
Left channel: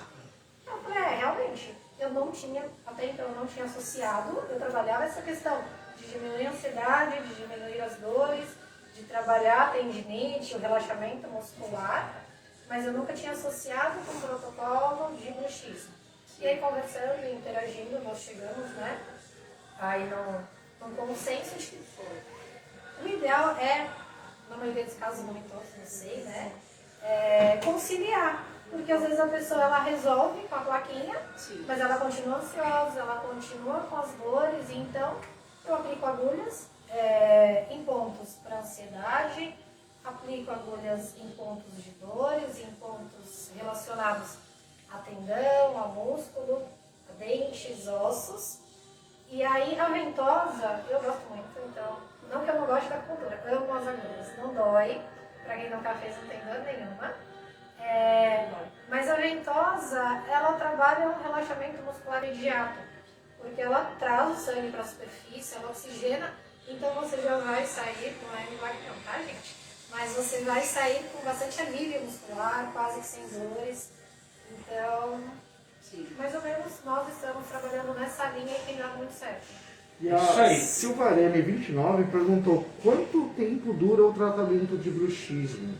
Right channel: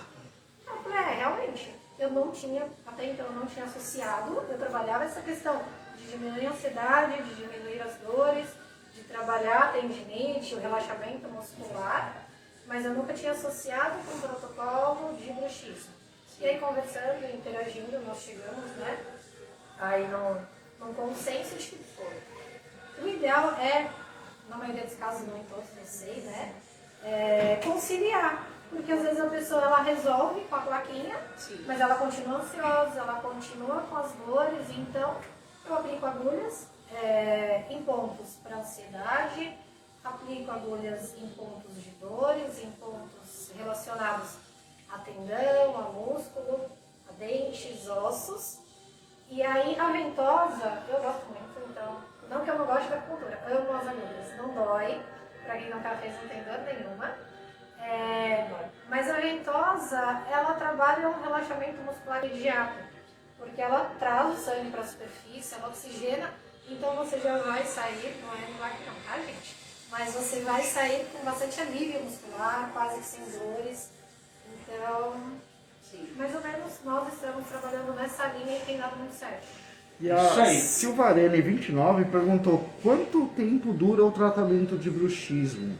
Eu falei, realmente, eu não tinha, até então eu não tinha associado, eu trabalhava essa questão de diminuir a ansiedade, de diminuir as dores, de trabalhar a tendinite, o relaxamento muscular, mas eu nunca tinha associado com o protocolo de bruxismo. E aí, conversando, interagindo, nós chegamos, né, aí num consenso de que o ideal é, na maioria dos casos, não em todos, não sei, né, conciliar. Porque às vezes a pessoa ela resolve com a plaquinha, Sim. mas ela continua ansiosa, ela continua com as dores, então eu aplico agulhas em pontos para ansiedade, aplico agulhas em pontos de dores, em pontos relacionados a tendão, a músculo, a dentes, ossos. E aí a ventosa, eu gosto muito, então, não que eu não goste da acupuntura, amo as agulhas, não dói, para quem nunca fez não tem dor nenhuma. Mas a ventosa, ela trabalha um relaxamento muscular imediato, porque ela traz o sangue para a superfície, ela oxigena, então você já vai sair, não é milagre não, tá gente? Mas você vai sair com bastante alívio muscular, quase que sem dores. Então, Sim. mais ou menos nós estamos trabalhando nessa linha e tem dado muito certo. E Isso a aí. Silvarene 29 perguntou quanto tempo dura o tratamento de bruxismo?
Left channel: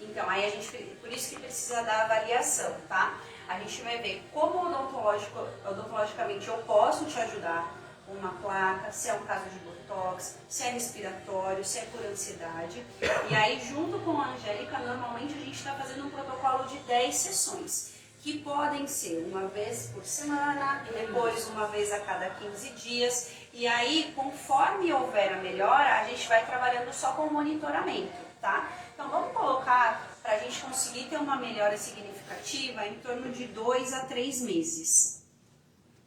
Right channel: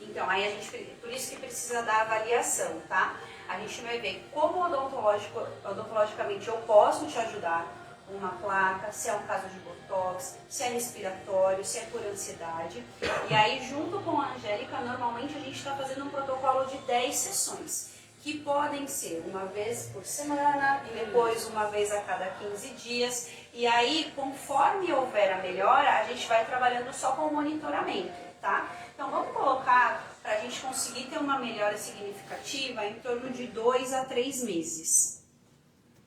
Então, aí a gente, por isso que precisa da avaliação, tá? A gente vai ver como odontologicamente eu posso te ajudar com uma placa, se é um caso de botox, se é respiratório, se é por ansiedade. E aí, junto com a Angélica, normalmente a gente está fazendo um protocolo de 10 sessões, que podem ser uma vez por semana, depois uma vez a cada 15 dias. E aí, conforme houver a melhora, a gente vai trabalhando só com o monitoramento, tá? Então vamos colocar, para a gente conseguir ter uma melhora significativa, em torno de 2 a 3 meses.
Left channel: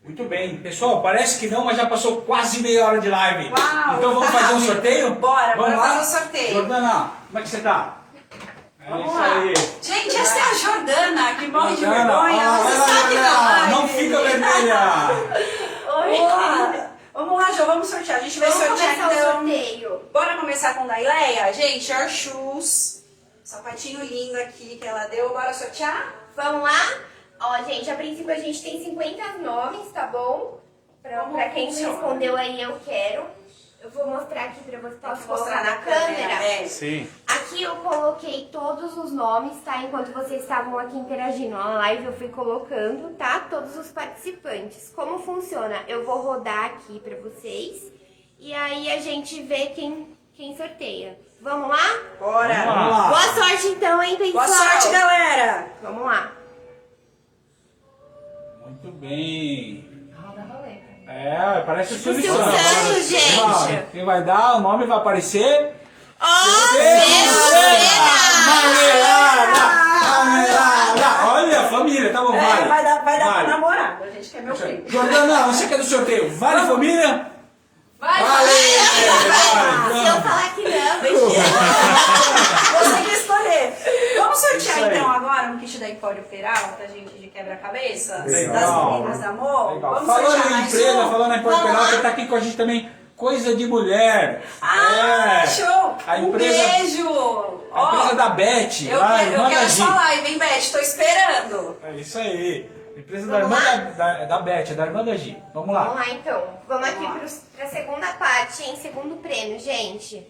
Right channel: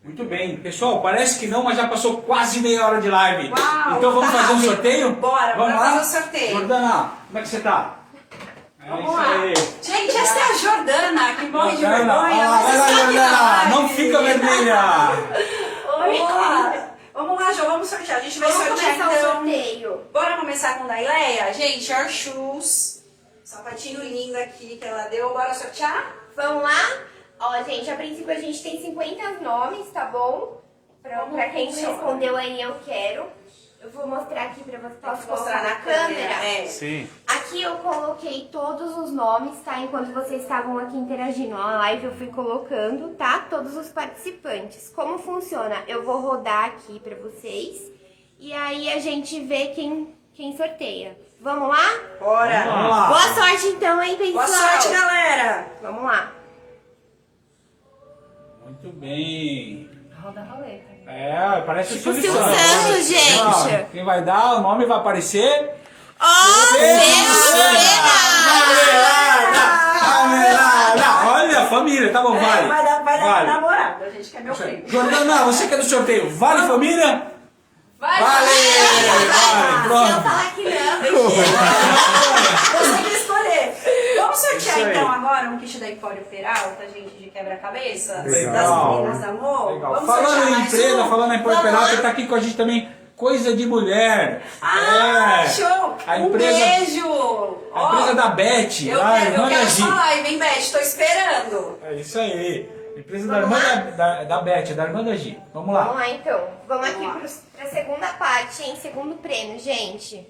Muito bem. Pessoal, parece que não, mas já passou quase meia hora de live. Uau! Então vamos fazer um sorteio? Bora Vamos lá? fazer o sorteio. Jordana, como é que você tá? Vamos isso lá. aí. Gente, essa é a Jordana, que morre de Jordana, vergonha. ó, Ela vai lá, está aqui na Jordana, live. não fica vermelha. Vamos lá. Vamos lá, Jo, vamos sortear. A gente vai Vamos sortear começar então. o sorteio. Bora começar com a Daileia? Gente, Air Shoes. Sapatinho lindo aqui que ela deu. Bora sortear? Vamos lá? Ó, gente, a princípio a gente tem 50 nomes, tá bom? Pra quem funciona? respondeu aí, eu quero. Eu vou mostrar aqui pra você. Posso Mostrar na câmera. É. Sim. Aqui eu coloquei todos os nomes, tá? Enquanto vocês estavam aqui interagindo na live, eu fui colocando, tá? Todos os participantes. Como funciona? Eu vou rodar aqui pra vocês. E aí a gente vê quem sorteia. Vamos lá? Bora. Vamos lá. Boa sorte então, hein, pessoal? Boa sorte, galera. Vamos lá. Muito bem. Roda a roleta. Parece o Silvio Silvio Santos. Santos, gente. Ó, quem vai dar, o nome vai aparecer. Marmelada! Olha, família, tá bom, vale. Vai dar Vale. pra namorado, a gente quer meu prêmio. Jordana, você que é do sorteio, vale, família? Vai, Vale! Se eu Vale, falar que não, Você que escolher. Vamos sortear Isso aí. então agora um kit da Empório Peralta, gente, de quebra-cabeça? Legal. Das meninas da Amor? Legal. Vamos Falando sortear em mais empresa, um? falando em Empório Peralta, tá aqui com a gente também Coisa de Mulher. Ah, É. show! A Um empresa, beijo! a empresa da Beth, Eu lá, quero irmã da essa Gi. live, hein, Beth? Tô esperando. É isso aí. Empresa da irmã da Beth, da irmã da Gi. Vamos lá. Vamos lá então. Vamos aqui Vamos para a segunda parte, hein? Segundo prêmio, gente.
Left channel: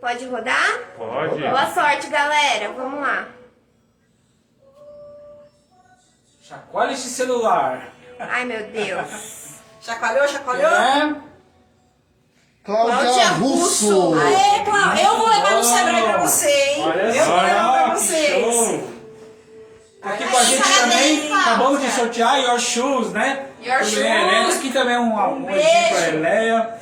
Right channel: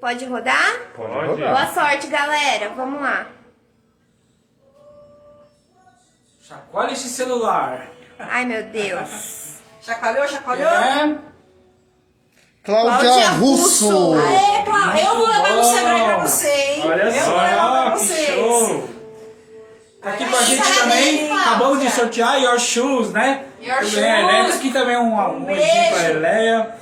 Pode rodar? Pode. Boa sorte, galera. Vamos lá. Chacoalha esse celular. Ai, meu Deus. Chacoalhou, chacoalhou? É. Cláudia Russo. Aê, Cláudia, eu vou levar no Sebrae pra você, hein? Olha Eu só, vou levar pra que vocês. show. Tá aqui com a gente Parabéns, também. Cláudia. Acabamos de sortear Your Shoes, né? Your Tudo bem, a Eleia. Shoes. Aqui também um beijo. beijinho pra Eleia.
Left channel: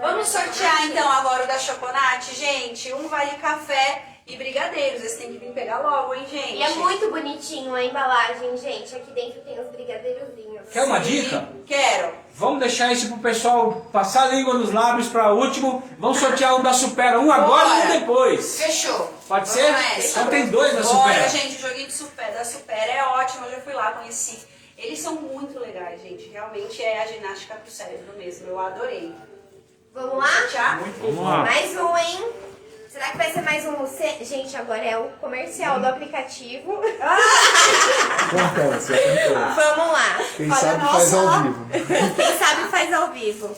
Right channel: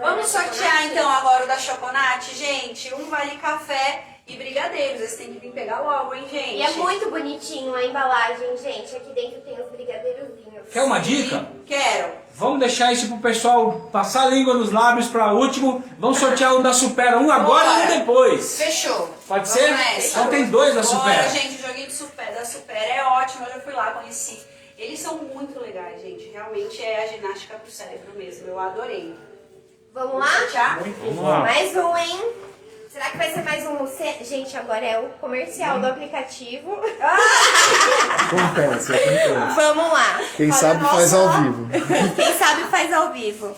Vamos sortear então agora o da Choconate, gente. Um vale café e brigadeiros. Vocês têm que vir pegar logo, hein, gente? E é muito bonitinho a embalagem, gente. Aqui dentro tem os brigadeirozinhos. Quer uma dica? Quero. Vamos deixar isso pro pessoal passar a língua nos lábios para último. Vamos sortear um da Supera, um agora e um Bora. depois. Fechou. Pode Vamos ser? nessa. Então tem dois da Bora, Supera. gente, o joguinho de Supera, da Supera é ótimo. Eu já fui lá, conheci. Eles são muito legais, gente. Realmente é a ginástica pro cérebro mesmo. Eu adorei. Vamos lá? Sortear? Vamos lá. Mais um, hein? Será que vai ser mais um? Gente, agora é o comercial do aplicativo. Acontece, acontece. Vamos lá. Quem Fala sabe nossa- faz ao vivo. Quem sabe faz ao vivo.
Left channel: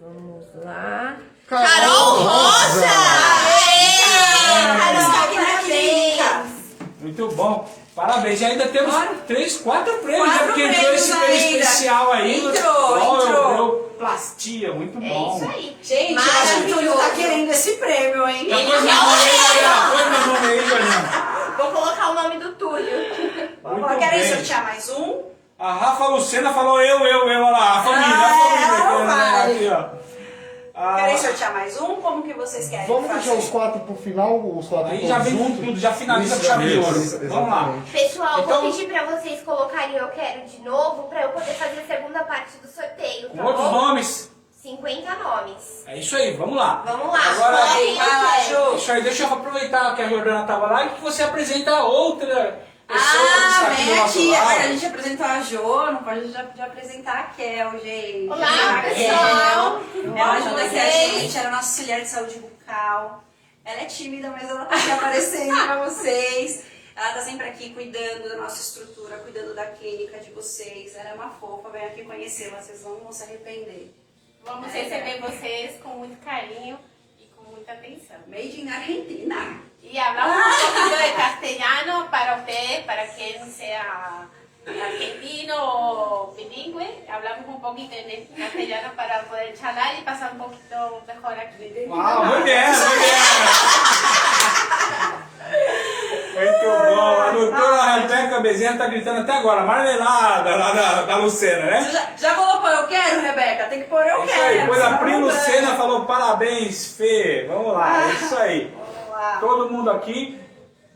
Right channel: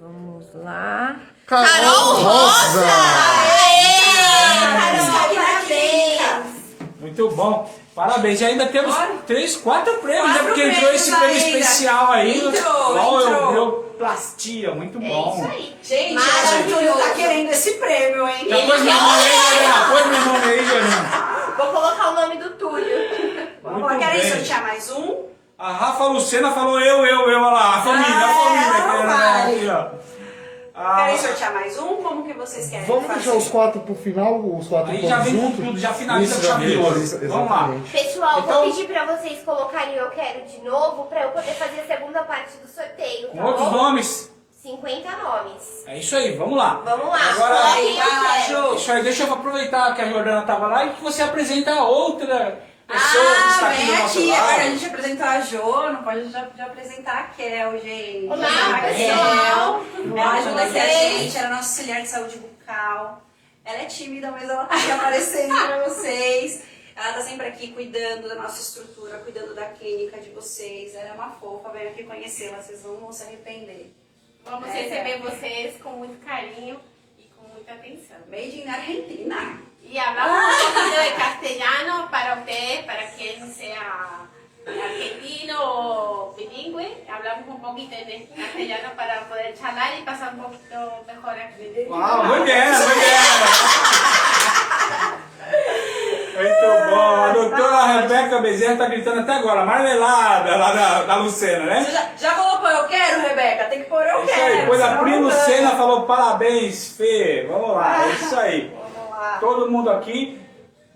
Vamos lá. Carol Rosa! Carol, Está aqui na clínica. parabéns. Muito bom. Parabéns. E ainda temos Bora. 4 prêmios, né? 4 Porque entrou prêmios esse prêmio ainda. especial aí. Entrou. Plastia, muito É bom. isso aí. Gente, eu acho que o Túlio tá querendo esse prêmio, hein? Já pôs meu nome aí, galera. Pôs meu nome aí, Juliana. Vou colocar o nome do Túlio. Vamos lá, Muito querem bem. sortear mais um? A Rafa Lucena falou eu, olha lá. A família, vai. Aqui, ó. Querem sortear mais um? Como que vocês querem Vamos fazer? deixar os 4 pro final, os 4 Aí já vem com tudo, já finaliza com chave de ouro. Vamos lá. Pessoal, Então- vou pedir pra vocês colocarem eu quero de novo pra eu poder fazer a segunda parte do sorteio, Com tá outros bom? nomes. 50 nomes. É isso aí, vamos lá. Vamos lá. Agora, coloquem vai lá, eu quero. Ju. isso aí, deixa eu aproveitar que a Jordana estava lá e que você apresenta outra pessoa que está aqui vem do nosso aqui. lado. Agora a gente apresentou a Jo, não pode já apresentar a Kel, gente. Olá, A pessoal. Kel, ela ajuda aqui a vocês. gente, ela é nossa auxiliar de saúde bucal. Ela é tímida, mas ela tá aqui aparecendo pra vocês. Ela tá sempre aqui cuidando da nossa estrutura, cuidando da clínica de vocês. Ela é uma fofa, vem aqui conhecê-la, vocês não vão se arrepender. Vamos receber vocês com muito carinho y con mucha atención. Made in Argentina. Y hablamos un poquito de castellano para ustedes, para quien sea argentino o bilingüe. Hablamos un poquito en castellano para poder charlar y pasar un poquito mejor aquí. Uau, mulher! Muito bom. A doutora Rebeca Bezerra está gritando até agora, marmelada lá da Lucena, né? Você já colocou eu quero, Rebeca? Tem que pôr eu É isso quero. aí. Depois a senão Pri não ganha. Lucena falou parabéns, Fê. Vamos lá, é isso aí. Vamos lá. Todo mundo aqui,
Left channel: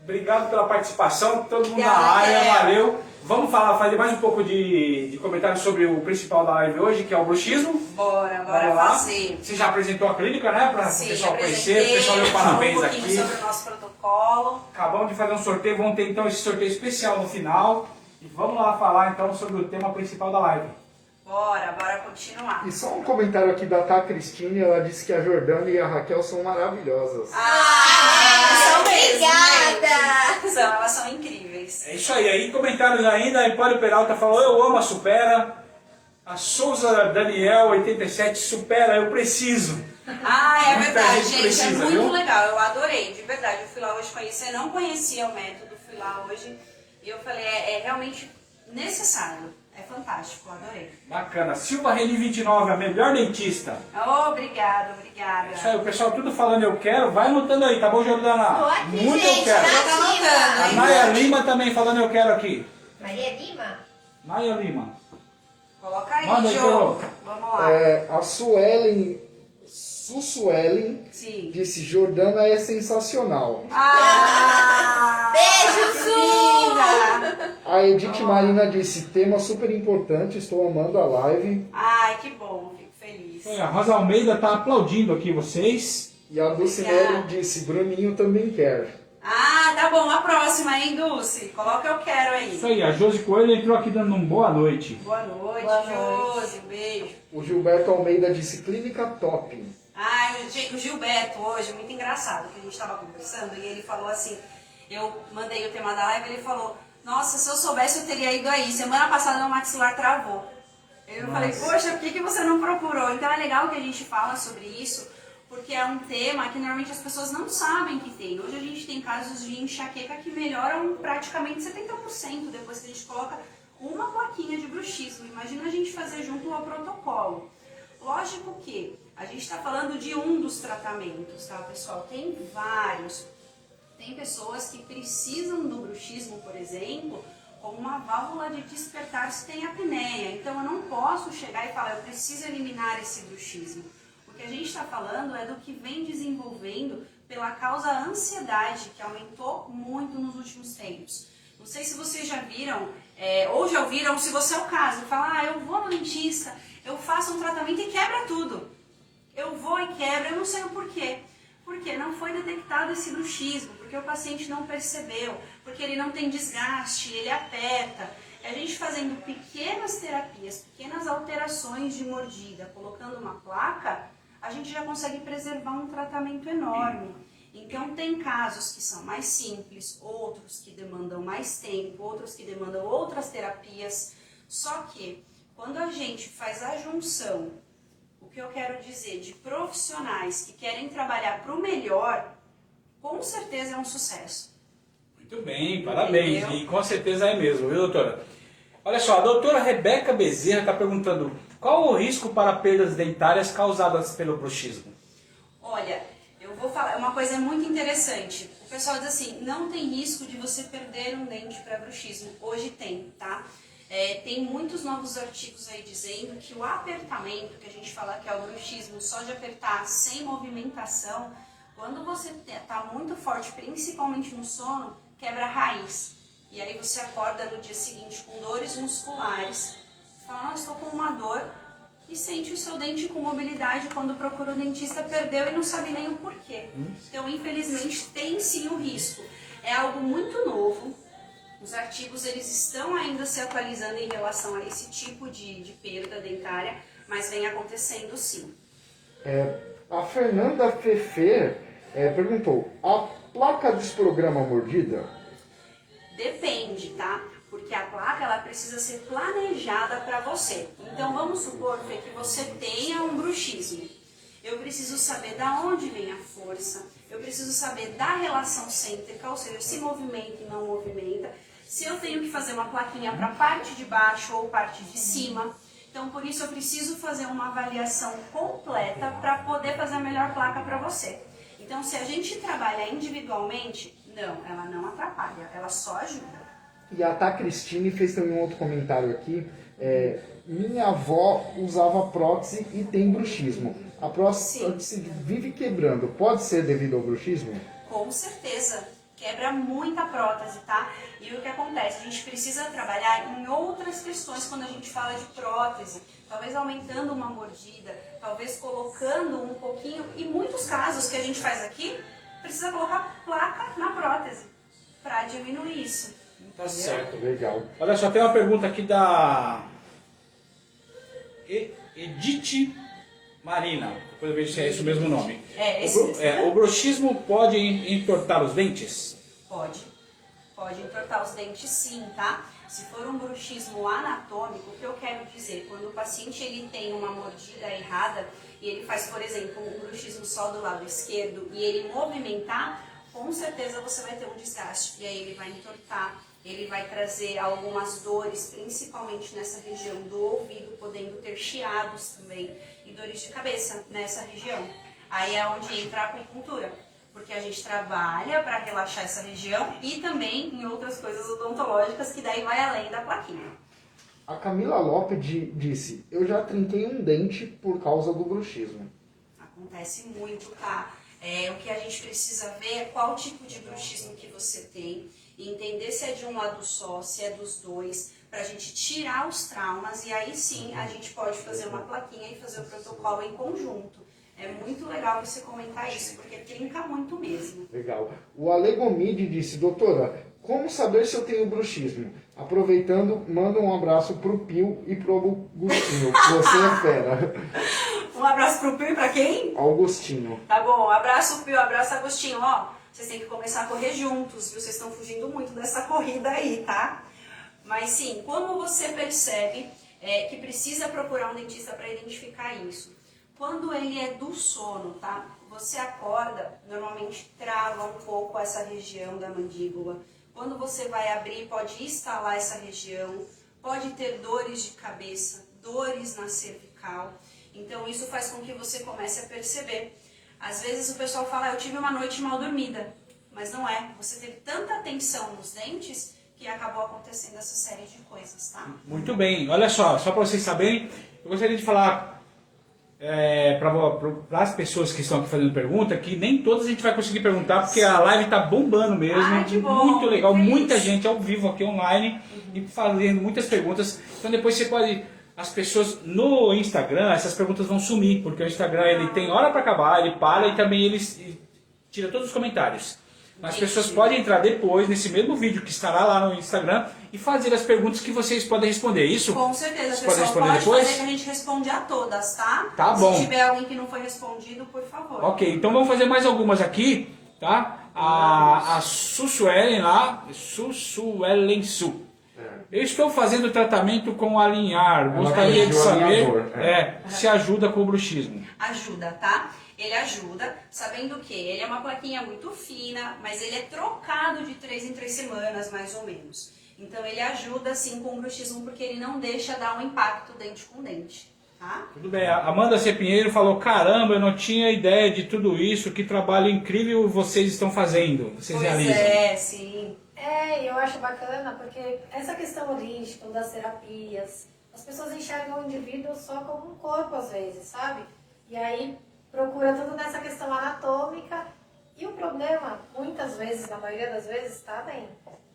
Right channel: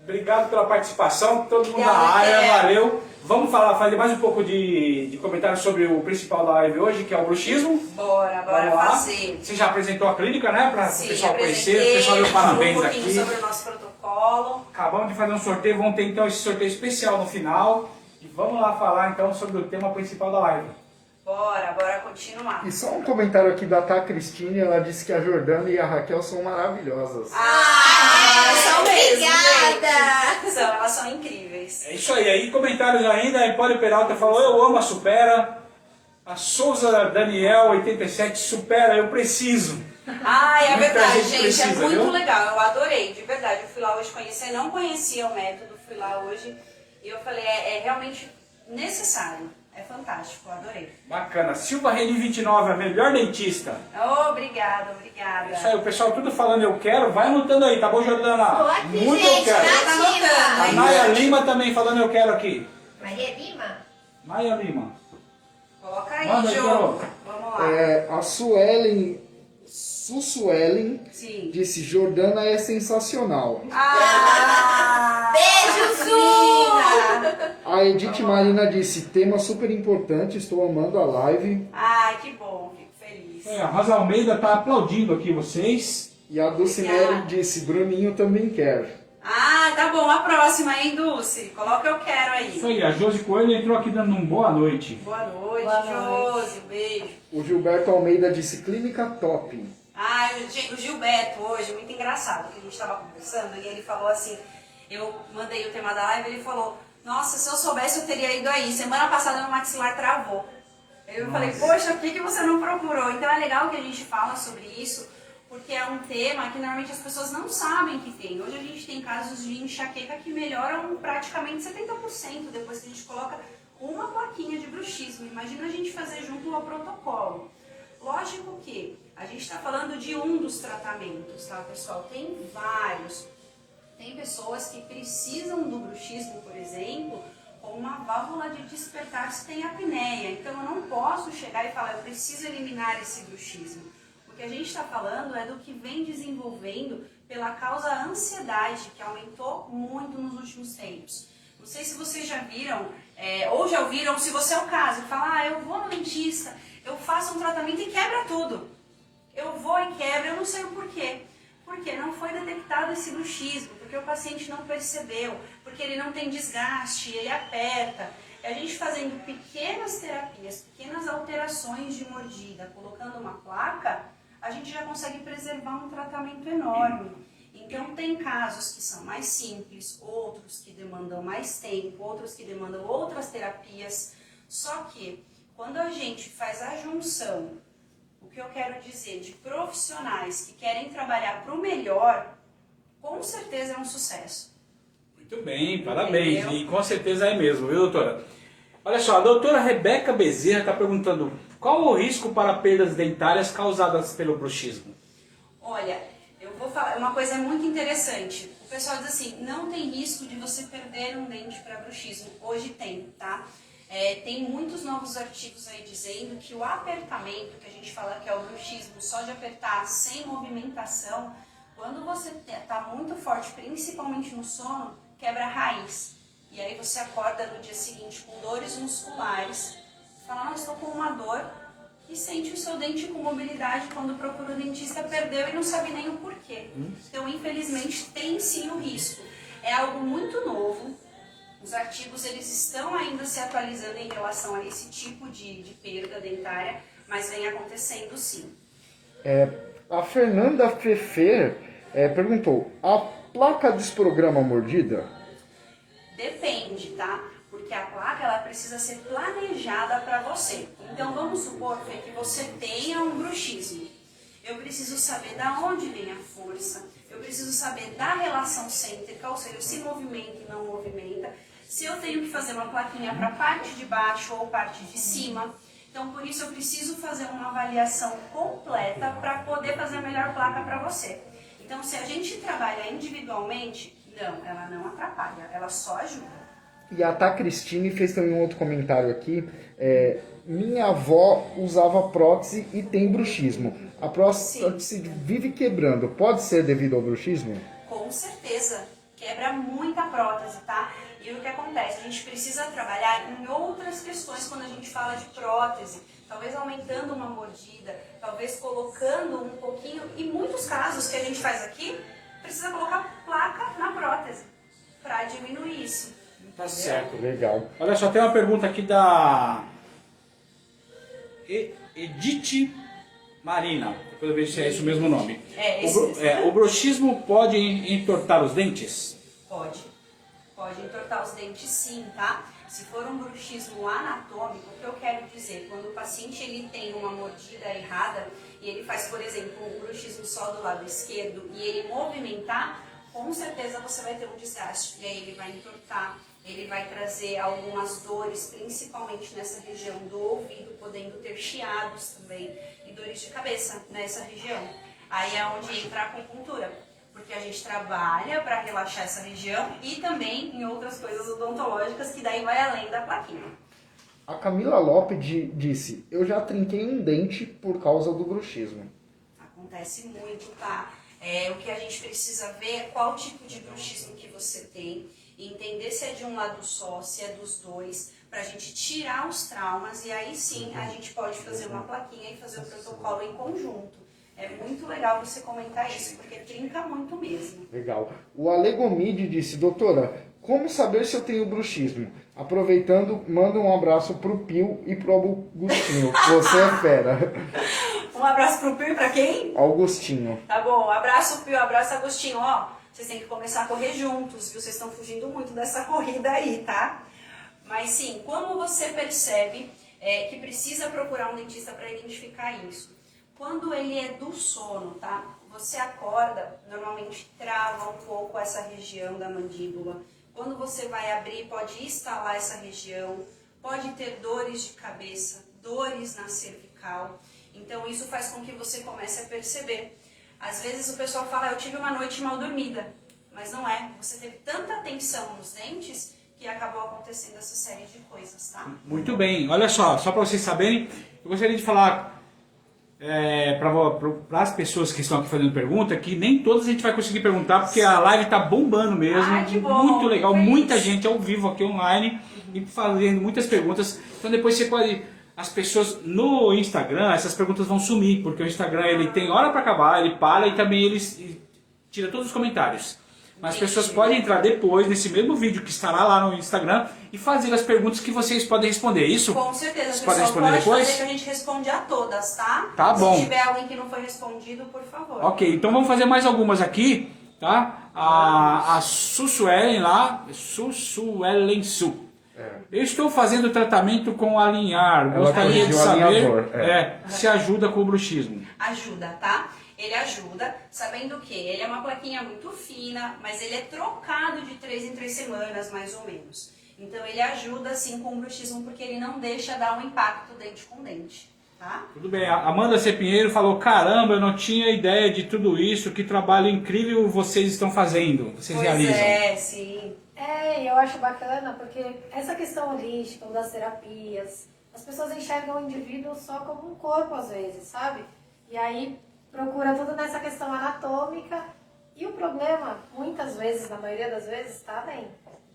obrigado pela participação, todo mundo na Obrigada, área, Kel. valeu. Vamos fazer mais um pouco de comentário sobre o principal da live hoje, que é o bruxismo. Bora Vamos lá. fazer. Você já apresentou a clínica, né? Para o Sim, pessoal conhecer, apresentei, o pessoal deu parabéns um pouquinho aqui. sobre o nosso protocolo. Acabamos de fazer um sorteio, vamos ter então esse sorteio especial no final. E vamos lá falar então sobre o tema principal da live. Bora continuar. E só um comentário aqui da Tá Cristine, ela disse que a Jordana e a Raquel são maravilhosas. São mesmo, Obrigada. gente. Elas são incríveis. É isso aí comentários ainda, a Empório Peralta falou, eu amo a Supera. A Souza Daniel, 87, Supera, eu preciso. É Muita verdade, gente gente. precisa, é muito viu? legal. Eu adorei, de verdade. Eu fui lá hoje conhecer, não conhecia o método, fui lá hoje. E eu falei, é realmente necessário. É fantástico, eu adorei. Bacana. Silva Rede 29, a melhor dentista. Obrigada. Isso aí, o pessoal tudo falando eu quero, vai anotando aí, tá bom, Jordana? Tô aqui, Muito eu gente, quero. Tá anotando, nativa. A Naya Lima também falando eu quero aqui. Maria Lima? Naya Lima. Coloca aí, Manda aí, Jô. Carol. Vamos lá. A Suelen Sim. disse, Jordana é sensacional. Beijo, Su! Menina. A Edith Marina disse, tema super importante, estou amando a live. Ai, que bom, fico feliz. A Rosa Almeida tá aplaudindo aqui vocês. E a Dulcinelli disse, Bruninho também quer. Ah, tá bom. A próxima, hein, Dulce? Coloca eu quero aí. Isso aí, a Josi Coelho entrou aqui dando um boa noite. Boa noite, Boa Josi. Um beijo. O Gilberto Almeida disse, clínica top. Ah, o Gilberto hoje, muito engraçado, que a gente estava conversando e ele falou assim, eu mandei o tema da live e ele falou, nossa, se eu soubesse eu teria ido aí, semana passada meu maxilar travou. Eu falei, poxa, por que você não procurou? Então é legal que a gente fala sobre isso, porque é um tema que normalmente as pessoas não sabem que tem. Hoje a gente tem casos de enxaqueca que melhoram praticamente 70% depois que a gente coloca uma plaquinha de bruxismo. Imagina a gente fazer junto ao protocolo. Lógico que a gente está falando de um dos tratamentos, tá, pessoal? Tem vários. Tem pessoas que precisam do bruxismo, por exemplo, como uma válvula de despertar se tem apneia. Então eu não posso chegar e falar, eu preciso eliminar esse bruxismo. O que a gente está falando é do que vem desenvolvendo pela causa ansiedade, que aumentou muito nos últimos tempos. Não sei se vocês já viram, ou já ouviram, se você é o caso, falar, eu vou no dentista, eu faço um tratamento e quebra tudo. Eu vou e quebro, eu não sei o porquê. Porque não foi detectado esse bruxismo, porque o paciente não percebeu, porque ele não tem desgaste, ele aperta. A gente fazendo pequenas terapias, pequenas alterações de mordida, colocando uma placa, a gente já consegue preservar um tratamento enorme. Então tem casos que são mais simples, outros que demandam mais tempo, outros que demandam outras terapias. Só que quando a gente faz a junção, o que eu quero dizer, de profissionais que querem trabalhar para o melhor, com certeza é um sucesso. Muito bem, parabéns. Entendeu? E com certeza é mesmo, viu, doutora? Olha só, a doutora Rebeca Bezerra está perguntando qual o risco para perdas dentárias causadas pelo bruxismo? Olha, eu vou falar uma coisa muito interessante. O pessoal diz assim, não tem risco de você perder um dente para bruxismo. Hoje tem, tá? Tem muitos novos artigos aí dizendo que o apertamento, que a gente fala que é o bruxismo, só de apertar sem movimentação, quando você está muito forte, principalmente no sono, quebra a raiz. E aí você acorda no dia seguinte com dores musculares, fala, não, estou com uma dor, e sente o seu dente com mobilidade. Quando procura o dentista, perdeu e não sabe nem o porquê. Então, infelizmente, tem sim o risco. É algo muito novo. Os artigos eles estão ainda se atualizando em relação a esse tipo de perda dentária, mas vem acontecendo sim. A Fernanda Fefer perguntou, a placa desprograma a mordida? Depende, tá? Porque a placa ela precisa ser planejada para você. Então vamos supor, Fê, que você tenha um bruxismo. Eu preciso saber da onde vem a força, eu preciso saber da relação cêntrica, ou seja, se movimenta e não movimenta. Se eu tenho que fazer uma plaquinha para parte de baixo ou parte de cima. Então, por isso, eu preciso fazer uma avaliação completa para poder fazer a melhor placa para você. Então, se a gente trabalha individualmente, não, ela não atrapalha, ela só ajuda. E a Tá Cristine fez também um outro comentário aqui. Minha avó usava prótese e tem bruxismo. A prótese vive quebrando. Pode ser devido ao bruxismo? Com certeza. Quebra muita prótese, tá? E o que acontece? A gente precisa trabalhar em outras questões quando a gente fala de prótese. Talvez aumentando uma mordida, talvez colocando um pouquinho. E muitos casos que a gente faz aqui, precisa colocar placa na prótese para diminuir isso. Tá certo. Legal. Olha só, tem uma pergunta aqui da Edith Marina. Depois eu vejo se é esse o mesmo nome. Esse mesmo. O bruxismo pode entortar os dentes? Pode. Pode entortar os dentes sim, tá? Se for um bruxismo anatômico, o que eu quero dizer? Quando o paciente ele tem uma mordida errada e ele faz, por exemplo, um bruxismo só do lado esquerdo e ele movimentar, com certeza você vai ter um desgaste. E aí ele vai entortar, ele vai trazer algumas dores, principalmente nessa região do ouvido, podendo ter chiados também e dores de cabeça nessa região. Aí é onde entra a acupuntura, porque a gente trabalha para relaxar essa região e também em outras coisas odontológicas que daí vai além da plaquinha. A Camila Lopes disse, eu já trinquei um dente por causa do bruxismo. Acontece muito, tá? O que a gente precisa ver é qual tipo de bruxismo que você tem, e entender se é de um lado só, se é dos dois, para a gente tirar os traumas, e aí sim a gente pode fazer uma plaquinha e fazer o protocolo em conjunto. É muito legal você comentar isso, porque trinca muito mesmo. Legal. O Ale Gomide disse, doutora, como saber se eu tenho bruxismo? Aproveitando, manda um abraço pro Pio e pro Augustinho. Você é fera. Um abraço pro Pio e pra quem? Augustinho. Tá bom, abraço Pio, abraço Agostinho. Ó, vocês têm que começar a correr juntos, viu? Vocês estão fugindo muito dessa corrida aí, tá? Mas sim, como você percebe que precisa procurar um dentista para identificar isso? Quando ele é do sono, tá? Você acorda, normalmente trava um pouco essa região da mandíbula. Quando você vai abrir, pode instalar essa região, pode ter dores de cabeça, dores na cervical. Então isso faz com que você comece a perceber. Às vezes o pessoal fala, eu tive uma noite mal dormida, mas não é. Você teve tanta tensão nos dentes que acabou acontecendo essa série de coisas, tá? Muito bem. Olha só para vocês saberem, eu gostaria de falar para as pessoas que estão aqui fazendo pergunta, que nem todas a gente vai conseguir perguntar, porque a live está bombando mesmo. Ai, que bom, muito legal, feliz. muita gente ao vivo aqui online e fazendo muitas perguntas. Então depois você pode... As pessoas no Instagram, essas perguntas vão sumir, porque o Instagram ele tem hora para acabar, ele para e também ele tira todos os comentários. Mas as pessoas podem entrar depois, nesse mesmo vídeo que estará lá no Instagram, e fazer as perguntas que vocês podem responder. Isso? Com certeza, Vocês pessoal, podem responder pode depois? fazer que a gente responde a todas, tá? Tá bom. Se tiver alguém que não foi respondido, por favor. Ok, então vamos fazer mais algumas aqui, tá? A Sussuelen lá, Sussuelen Su. Eu estou fazendo tratamento com alinhar. Gostaria de pediu saber alinhador, se ajuda com o bruxismo. Ajuda, tá? Ele ajuda, sabendo que ele é uma plaquinha muito fina, mas ele é trocado de 3 em 3 semanas, mais ou menos. Então ele ajuda sim com o bruxismo, porque ele não deixa dar um impacto dente com dente, tá? Tudo bem, a Amanda C. Pinheiro falou, caramba, eu não tinha ideia de tudo isso, que trabalho incrível vocês estão fazendo, vocês realizam. Sim. Eu acho bacana porque essa questão holística, das terapias, as pessoas enxergam o indivíduo só como um corpo às vezes, sabe? E aí procura tudo nessa questão anatômica e o problema, muitas vezes, na maioria das vezes, está bem.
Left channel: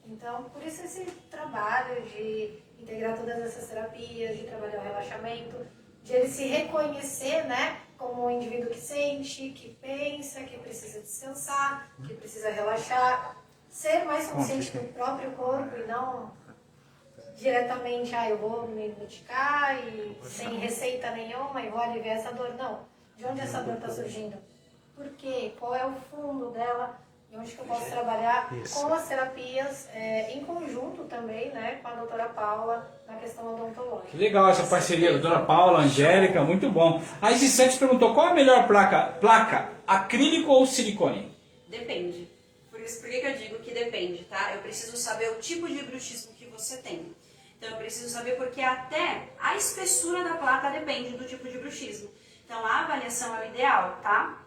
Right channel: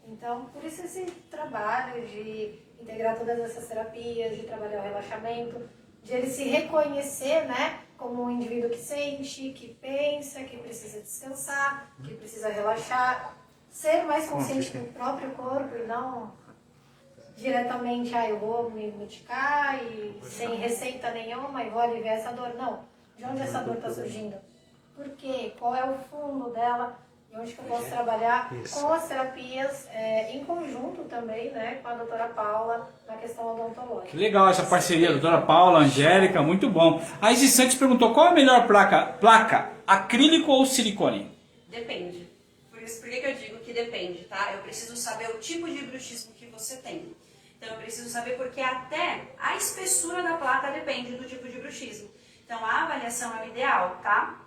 Então, por isso esse trabalho de integrar todas essas terapias, de trabalhar o relaxamento, de ele se reconhecer, né, como um indivíduo que sente, que pensa, que precisa descansar, que precisa relaxar, ser mais consciente do próprio corpo e não diretamente, eu vou me medicar e sem receita nenhuma e vou aliviar essa dor. Não. De onde essa dor está surgindo? Por quê? Qual é o fundo dela? E onde que eu posso trabalhar com as terapias em conjunto também, né, com a doutora Paula, na questão odontológica. Que legal essa parceria, doutora Paula, Angélica, muito bom. A Isis Santos perguntou, qual a melhor placa, acrílico ou silicone? Depende. Por que eu digo que depende, tá? Eu preciso saber o tipo de bruxismo que você tem. Então eu preciso saber porque até a espessura da placa depende do tipo de bruxismo. Então a avaliação é o ideal, tá?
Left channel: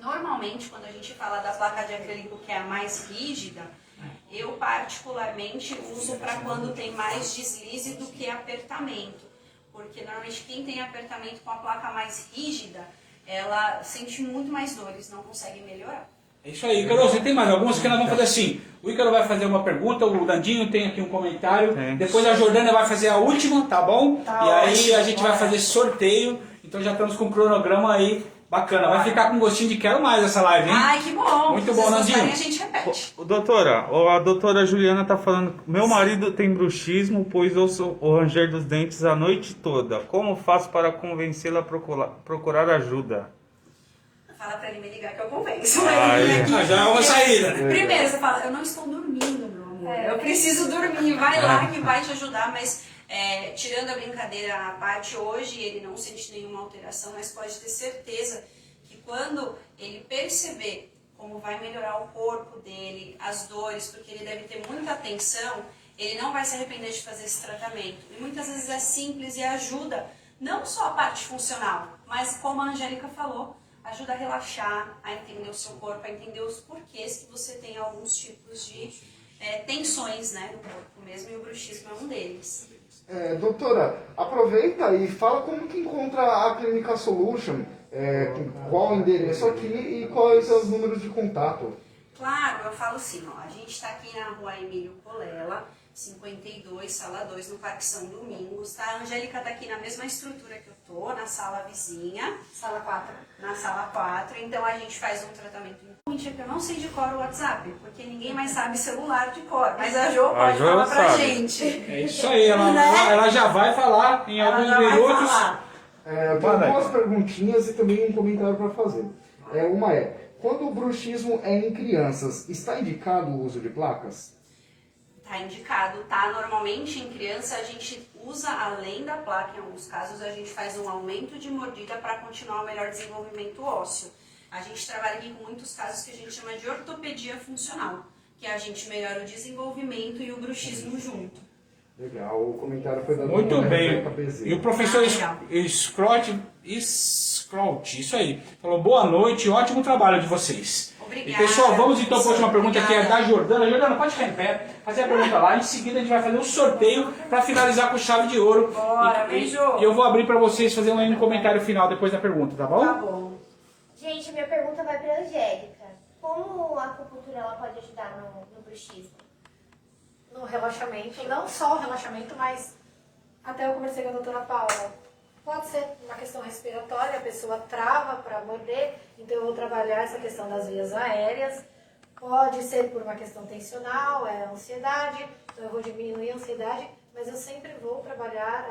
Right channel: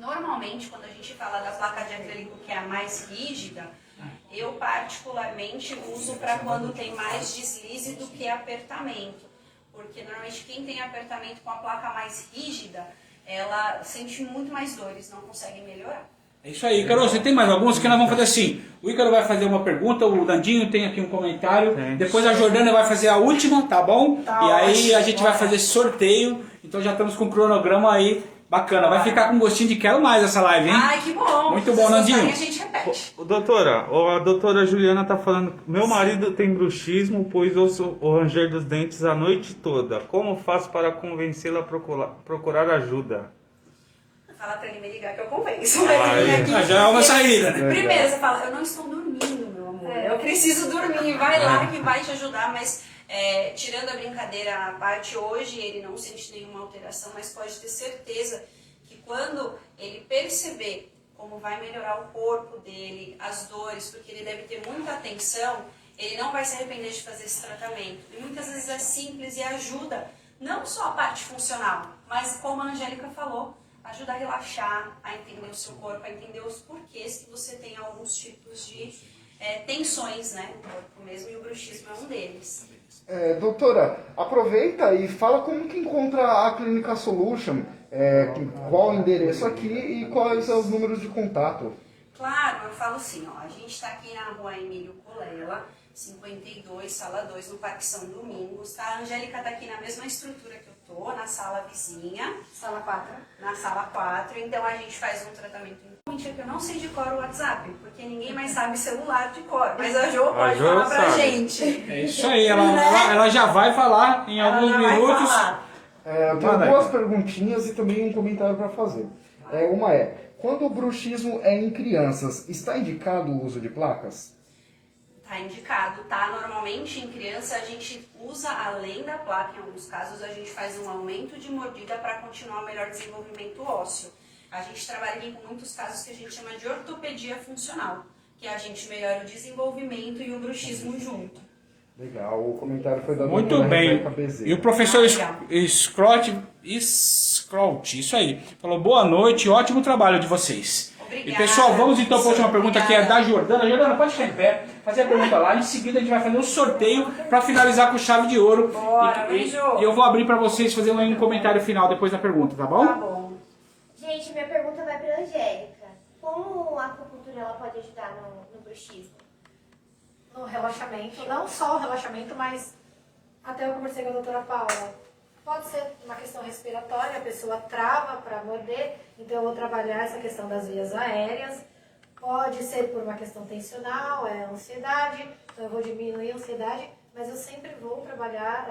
Normalmente, quando a gente fala da placa de acrílico, que é a mais rígida, eu particularmente uso para quando tem mais deslize do que apertamento. Porque normalmente quem tem apertamento com a placa mais rígida, ela sente muito mais dores, não consegue melhorar. É isso aí, Ícaro, você tem mais alguns que nós vamos fazer assim. O Ícaro vai fazer uma pergunta, o Dandinho tem aqui um comentário, depois a Jordânia vai fazer a última, tá bom? Tá e aí ótimo, a gente vai fazer sorteio, então já estamos com um cronograma aí bacana. Vai ficar com gostinho de quero mais essa live, hein? Ai, que bom! Muito bom, Nandinho. A gente repete. Doutora, a doutora Juliana tá falando, meu marido tem bruxismo, pois ouço o ranger dos dentes a noite toda. Como faço para convencê-la a procurar ajuda? Fala pra ele me ligar que eu convenço. Já é uma saída. Primeiro, você fala, eu não estou dormindo, meu amor. Eu preciso dormir. Vai lá que vai te ajudar. Mas, tirando a brincadeira à parte, hoje ele não sente nenhuma alteração, mas pode ter certeza que quando ele perceber como vai melhorar o corpo dele, as dores, porque ele deve ter muita atenção, ele não vai se arrepender de fazer esse tratamento. E muitas vezes é simples e ajuda, não só a parte funcional, mas como a Angélica falou, ajuda a relaxar, a entender o seu corpo, a entender os porquês que você tem alguns tipos de tensões, né, no corpo mesmo, e o bruxismo é um deles. Doutora, aproveita e fala como que encontra a Clínica Solution, qual o endereço aqui e quais são os números de contato. Claro, eu falo assim, ó, a gente está aqui na rua Emílio Colela, 52, sala 2, no Parque São Domingos, tá? A Angélica tá aqui na mesma estrutura que eu tô, na sala vizinha. Sala 4. Na sala 4, então a gente faz um tratamento. Mentira que eu não sei de cor o WhatsApp, porque ninguém mais sabe celular de cor, mas a Jo pode falar pra sabe. gente. É isso aí, ela já vai falar em alguns Ela já vai minutos. falar. Eu tenho duas perguntinhas e também um comentário para fazer. Uma quando o bruxismo é em crianças, está indicado o uso de placas? Tá indicado, tá? Normalmente em criança a gente usa, além da placa, em alguns casos, a gente faz um aumento de mordida para continuar o melhor desenvolvimento ósseo. A gente trabalha aqui com muitos casos que a gente chama de ortopedia funcional, que a gente melhora o desenvolvimento e o bruxismo junto. Legal, o comentário foi da Muito doutora bem. Rebeca Bezerra. E o professor Scrot, isso aí, falou boa noite, ótimo trabalho de vocês. Obrigada. E pessoal, vamos então para a última pergunta que é Obrigada. da Jordana. Jordana, pode ficar em pé, fazer a pergunta lá. Em seguida a gente vai fazer um sorteio para finalizar com chave de ouro. Bora, e beijo. eu vou abrir para vocês fazerem um comentário final depois da pergunta, tá bom? Tá bom. Gente, minha pergunta vai para Angélica. Como a acupuntura ela pode ajudar no bruxismo? No relaxamento, não só o relaxamento, mas até eu conversei com a doutora Paula. Pode ser uma questão respiratória, a pessoa trava para morder, então eu vou trabalhar essa questão das vias aéreas. Pode ser por uma questão tensional, ansiedade, então eu vou diminuir a ansiedade, mas eu sempre vou trabalhar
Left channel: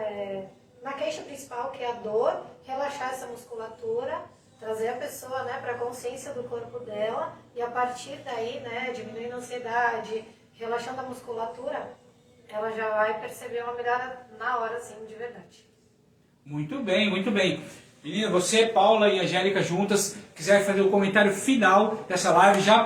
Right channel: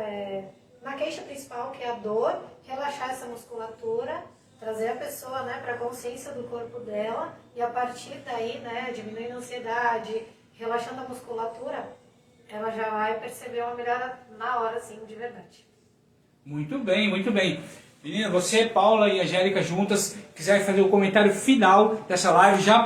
na queixa principal, que é a dor, relaxar essa musculatura, trazer a pessoa, né, para a consciência do corpo dela e a partir daí, né, diminuindo a ansiedade, relaxando a musculatura, ela já vai perceber uma melhora na hora, assim, de verdade. Muito bem, muito bem. Menina, você, Paula e Angélica juntas, quiserem fazer o comentário final dessa live, já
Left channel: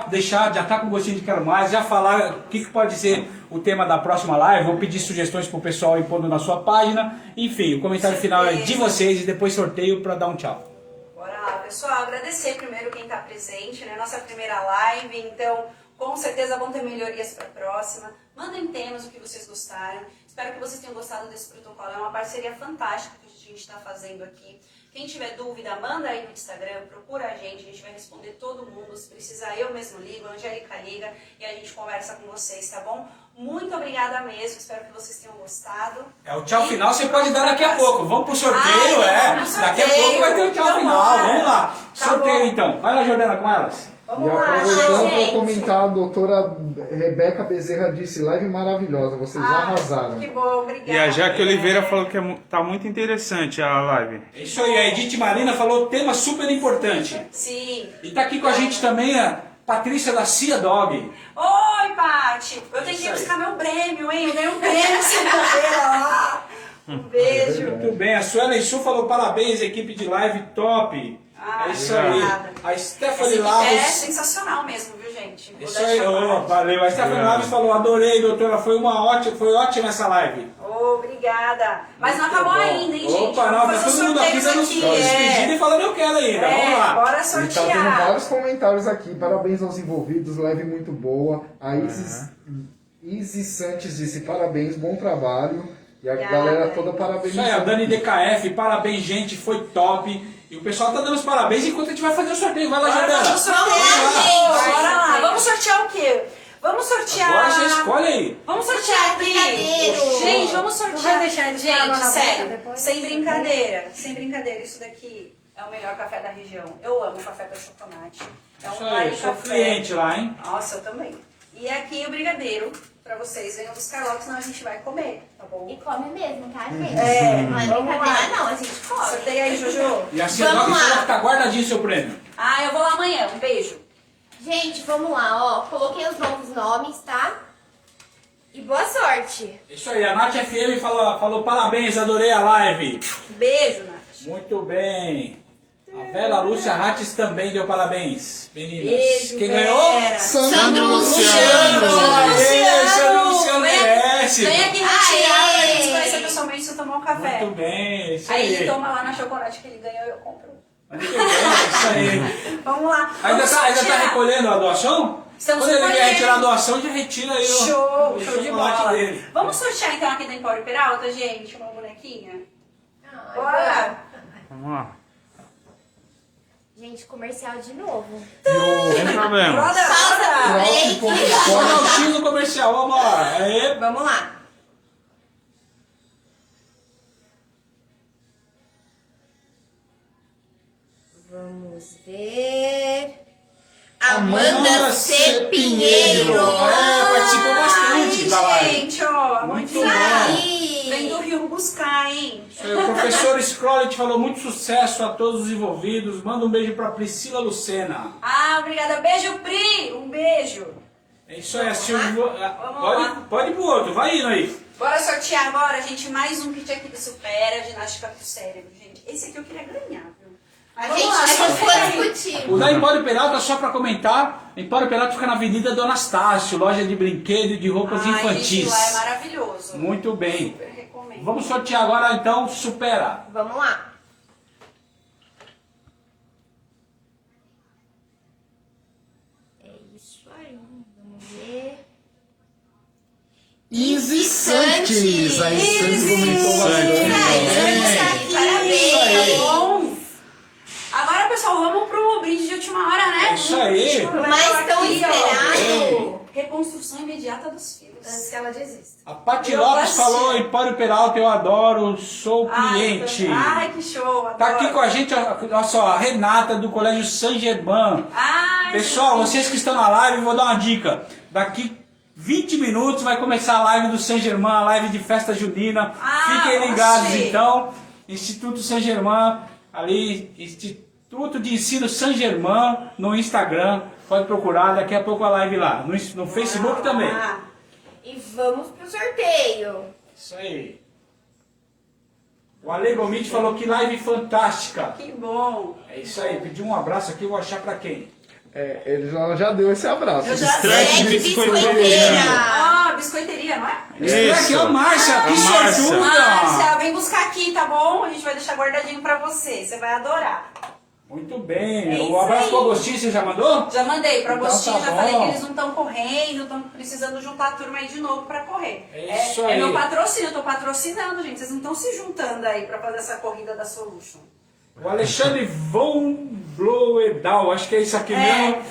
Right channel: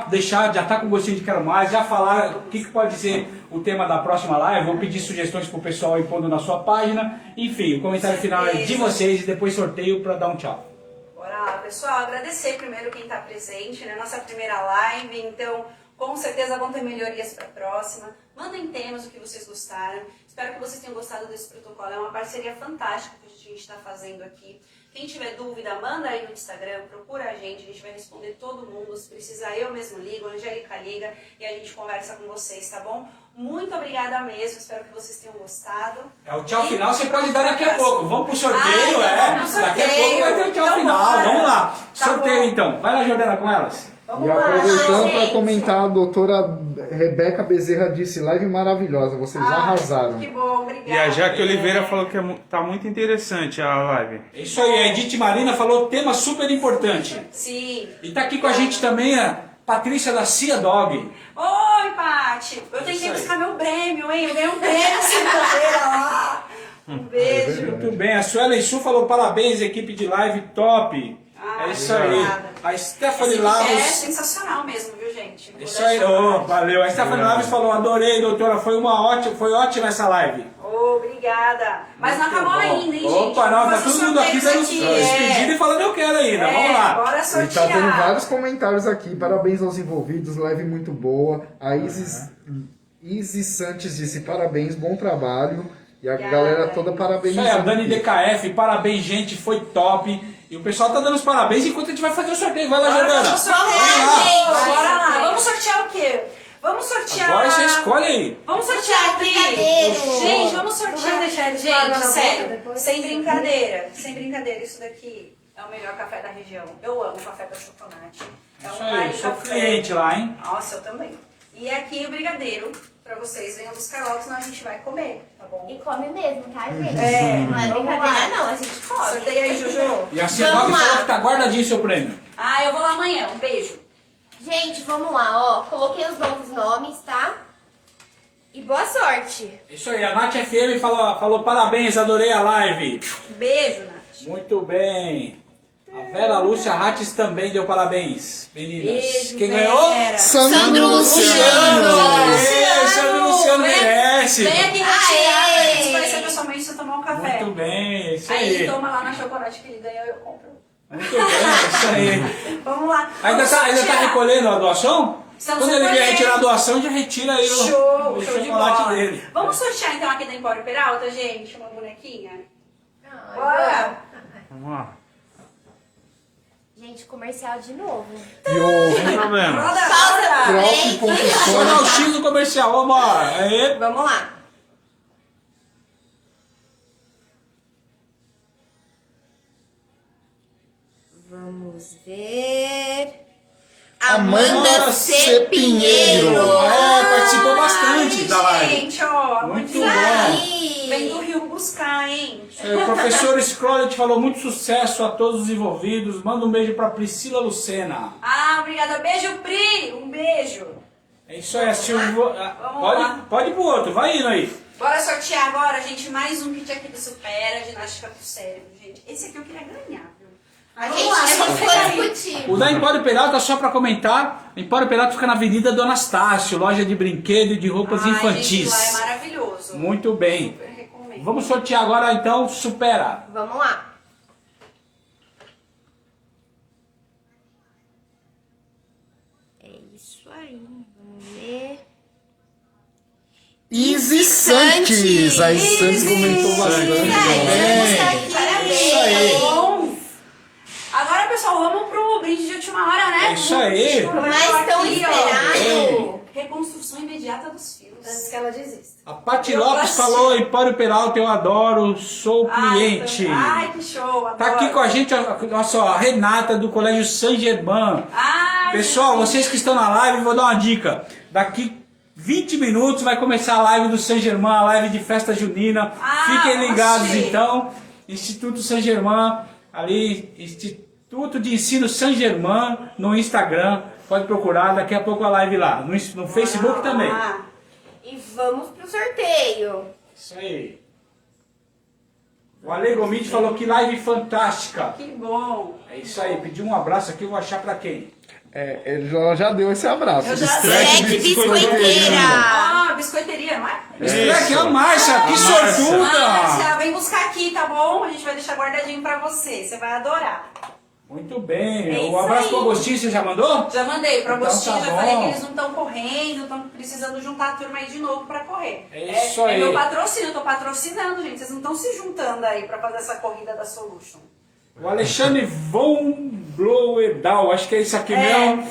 tá com gostinho de quero mais, já falar o que pode ser o tema da próxima live, ou pedir sugestões pro pessoal ir pondo na sua página. Enfim, o comentário final é de vocês e depois sorteio para dar um tchau. Bora lá, pessoal. Agradecer primeiro quem está presente na nossa primeira live. Então, com certeza vão ter melhorias para a próxima. Mandem temas, o que vocês gostaram. Espero que vocês tenham gostado desse protocolo. É uma parceria fantástica que a gente está fazendo aqui. Quem tiver dúvida, manda aí no Instagram, procura a gente vai responder todo mundo. Se precisar, eu mesmo ligo, a Angélica liga e a gente conversa com vocês, tá bom? Muito obrigada mesmo, espero que vocês tenham gostado. O tchau final você pode dar daqui a pouco. Vamos pro sorteio, Vamos pro Daqui a sorteio. pouco vai ter o tchau Então final. bora. Vamos lá. Tá Sorteio bom. então. Vai lá, Jordana, com elas. Vamos E lá, aproveitando para gente. comentar, a doutora Rebeca Bezerra disse, live maravilhosa, vocês arrasaram. Que bom, obrigada. E a Jaque Oliveira falou que tá muito interessante a live. É isso aí, a Edith Marina falou tema super importante. Sim. E tá aqui com a gente também a Patrícia da Cia Dog. Oi, Paty. Eu tenho que ir aí. buscar meu prêmio, hein? Eu ganhei um prêmio segunda-feira lá. Um beijo. Muito bem, a Suelen Su falou parabéns, equipe de live top. É isso aí. obrigada. A Stephanie É Lavos. sensacional mesmo, viu, gente? Vou Isso dar aí, essa oh, parte. valeu. A Stephanie Obrigado. Lavos falou, adorei, doutora, foi ótima essa live. Obrigada. Mas não Muito acabou bom. ainda, hein, gente? Opa, não, tá Vamos fazer todo mundo aqui sorteios dando aqui, despedida e falando eu quero ainda. Vamos lá. Bora E tá tendo sortear. vários comentários aqui, parabéns aos envolvidos, live muito boa. A Isis Santos disse parabéns, bom trabalho. E a Obrigada. galera toda Isso aí, a parabenizando. Dani DKF, parabéns, gente, foi top. E o pessoal tá dando os parabéns enquanto a gente vai fazer o sorteio. Vai lá, Bora, Jordana. vamos sortear, gente. Bora lá. Vamos sortear o quê? Vamos sortear... Agora você escolhe aí. Vamos sortear aqui. Brigadeiro. Gente, vamos sortear. Vamos deixar eles Gente, falando na sério, boca depois? sem brincadeira. Sem brincadeira, isso daqui é o melhor café da região. Eu amo café com chocolate. É Isso um aí, eu Mari sou café. cliente lá, hein? Nossa, eu também. E aqui o brigadeiro, pra vocês. Venham buscar logo, senão a gente vai comer, tá bom? E come mesmo, tá, gente? É, Não é vamos brincadeira lá. não, a gente come. Sorteia aí, Juju. E a Cia Dog falou que tá guardadinho o seu prêmio. Ah, eu vou lá amanhã. Um beijo. Gente, vamos lá, ó. Coloquei os novos nomes, tá? E boa sorte. Isso aí, a Nath FM falou parabéns, adorei a live. Beijo, Nath. Muito bem. A Vera Lúcia Rates também deu parabéns. Meninas. Beijo, Quem Vera. ganhou? Sandro Luciano! Aê, Sandro Luciano Vem- merece. Vem aqui retirar pra Aê. gente conhecer pessoalmente e tomar um café. Muito bem, isso Aí aí. ele toma lá na chocolate que ele ganhou e eu compro. Muito bem, isso aí. Vamos lá. Ainda Vamos tá sortear. recolhendo a doação? Estamos Quando ele vier recolhendo. retirar a doação, já retira aí Show, o show de chocolate bola. dele. Vamos sortear então aqui da Empório Peralta, gente, uma bonequinha? Ai, Bora! Vamos lá. Gente, comercial de novo. Sem problema. Roda, roda! Olha o X do comercial, vamos lá. Aê. Vamos lá. Vamos ver. Amanda C. Pinheiro. Participou bastante da live. Gente, ó, Muito muito bom. Vem do Rio buscar, hein? O professor Scrollet falou muito sucesso a todos os envolvidos. Manda um beijo pra Priscila Lucena. Ah, obrigada. Beijo, Pri! Um beijo. É isso aí, Silvio. Vamos lá. Pode ir pro outro, vai indo aí. Bora sortear agora, gente, mais um kit aqui do Supera, ginástica pro cérebro, gente. Esse aqui eu queria ganhar, viu? Mas vamos lá, Gente, vamos não lá. foi discutir. O da Empório Peralta, só pra comentar, Empório Peralta fica na Avenida do Anastácio, loja de brinquedo e de roupas Ai, infantis. gente, lá é maravilhoso. Muito bem. Super recomendo. Vamos sortear agora então, Supera. Vamos lá. É isso aí. Vamos ver. Easy Santos. A Santos comentou bastante. Parabéns, tá bom? Agora, pessoal, vamos pro brinde de última hora, né? É isso aí. Mas tão Aqui, ó. esperado. Reconstrução imediata dos fios. Antes que ela desista. A Paty Eu Lopes gosto. falou, Empório Peralta, eu adoro, sou cliente. Ai, que show. Tá adoro. aqui com a gente, olha só, a Renata do Colégio Saint-Germain. Ai, Pessoal, gente. vocês que estão na live, vou dar uma dica. Daqui 20 minutos vai começar a live do Saint-Germain, a live de festa junina. Ah, Fiquem ligados gostei. então. Instituto Saint-Germain, ali, Instituto de Ensino Saint-Germain no Instagram. Pode procurar, daqui a pouco a live lá. No Facebook também. Ah, E vamos pro sorteio. Isso aí. O Ale Gomit falou que live fantástica. que bom. É isso aí, pedi um abraço aqui, eu vou achar pra quem? Ela já deu esse abraço. Eu já Distrack sei, biscoiteira. Ah, biscoiteria, não é? Isso. A Márcia, que A Márcia. sortuda! Márcia, vem buscar aqui, tá bom? A gente vai deixar guardadinho pra você. Você vai adorar. Muito bem. É O isso abraço aí. pro Agostinho, você já mandou? Já mandei pro Então Agostinho, tá já bom. falei que eles não estão correndo, estão precisando juntar a turma aí de novo pra correr. É isso É aí. meu patrocínio, eu tô patrocinando, gente. Vocês não estão se juntando aí pra fazer essa corrida da Solution. O Alexandre Von Bloedal, acho que é isso aqui mesmo.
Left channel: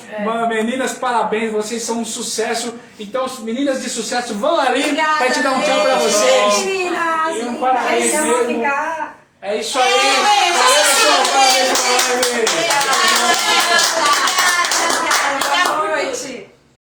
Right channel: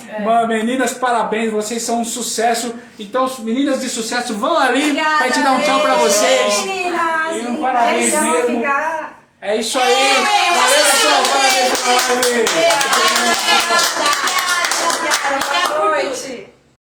Meninas, parabéns, vocês são um sucesso. Então, meninas de sucesso, vão ali pra gente dar um tchau pra vocês. Meninas! E um parabéns Eles vão mesmo. ficar... É isso aí. Valeu, pessoal. Parabéns pela live.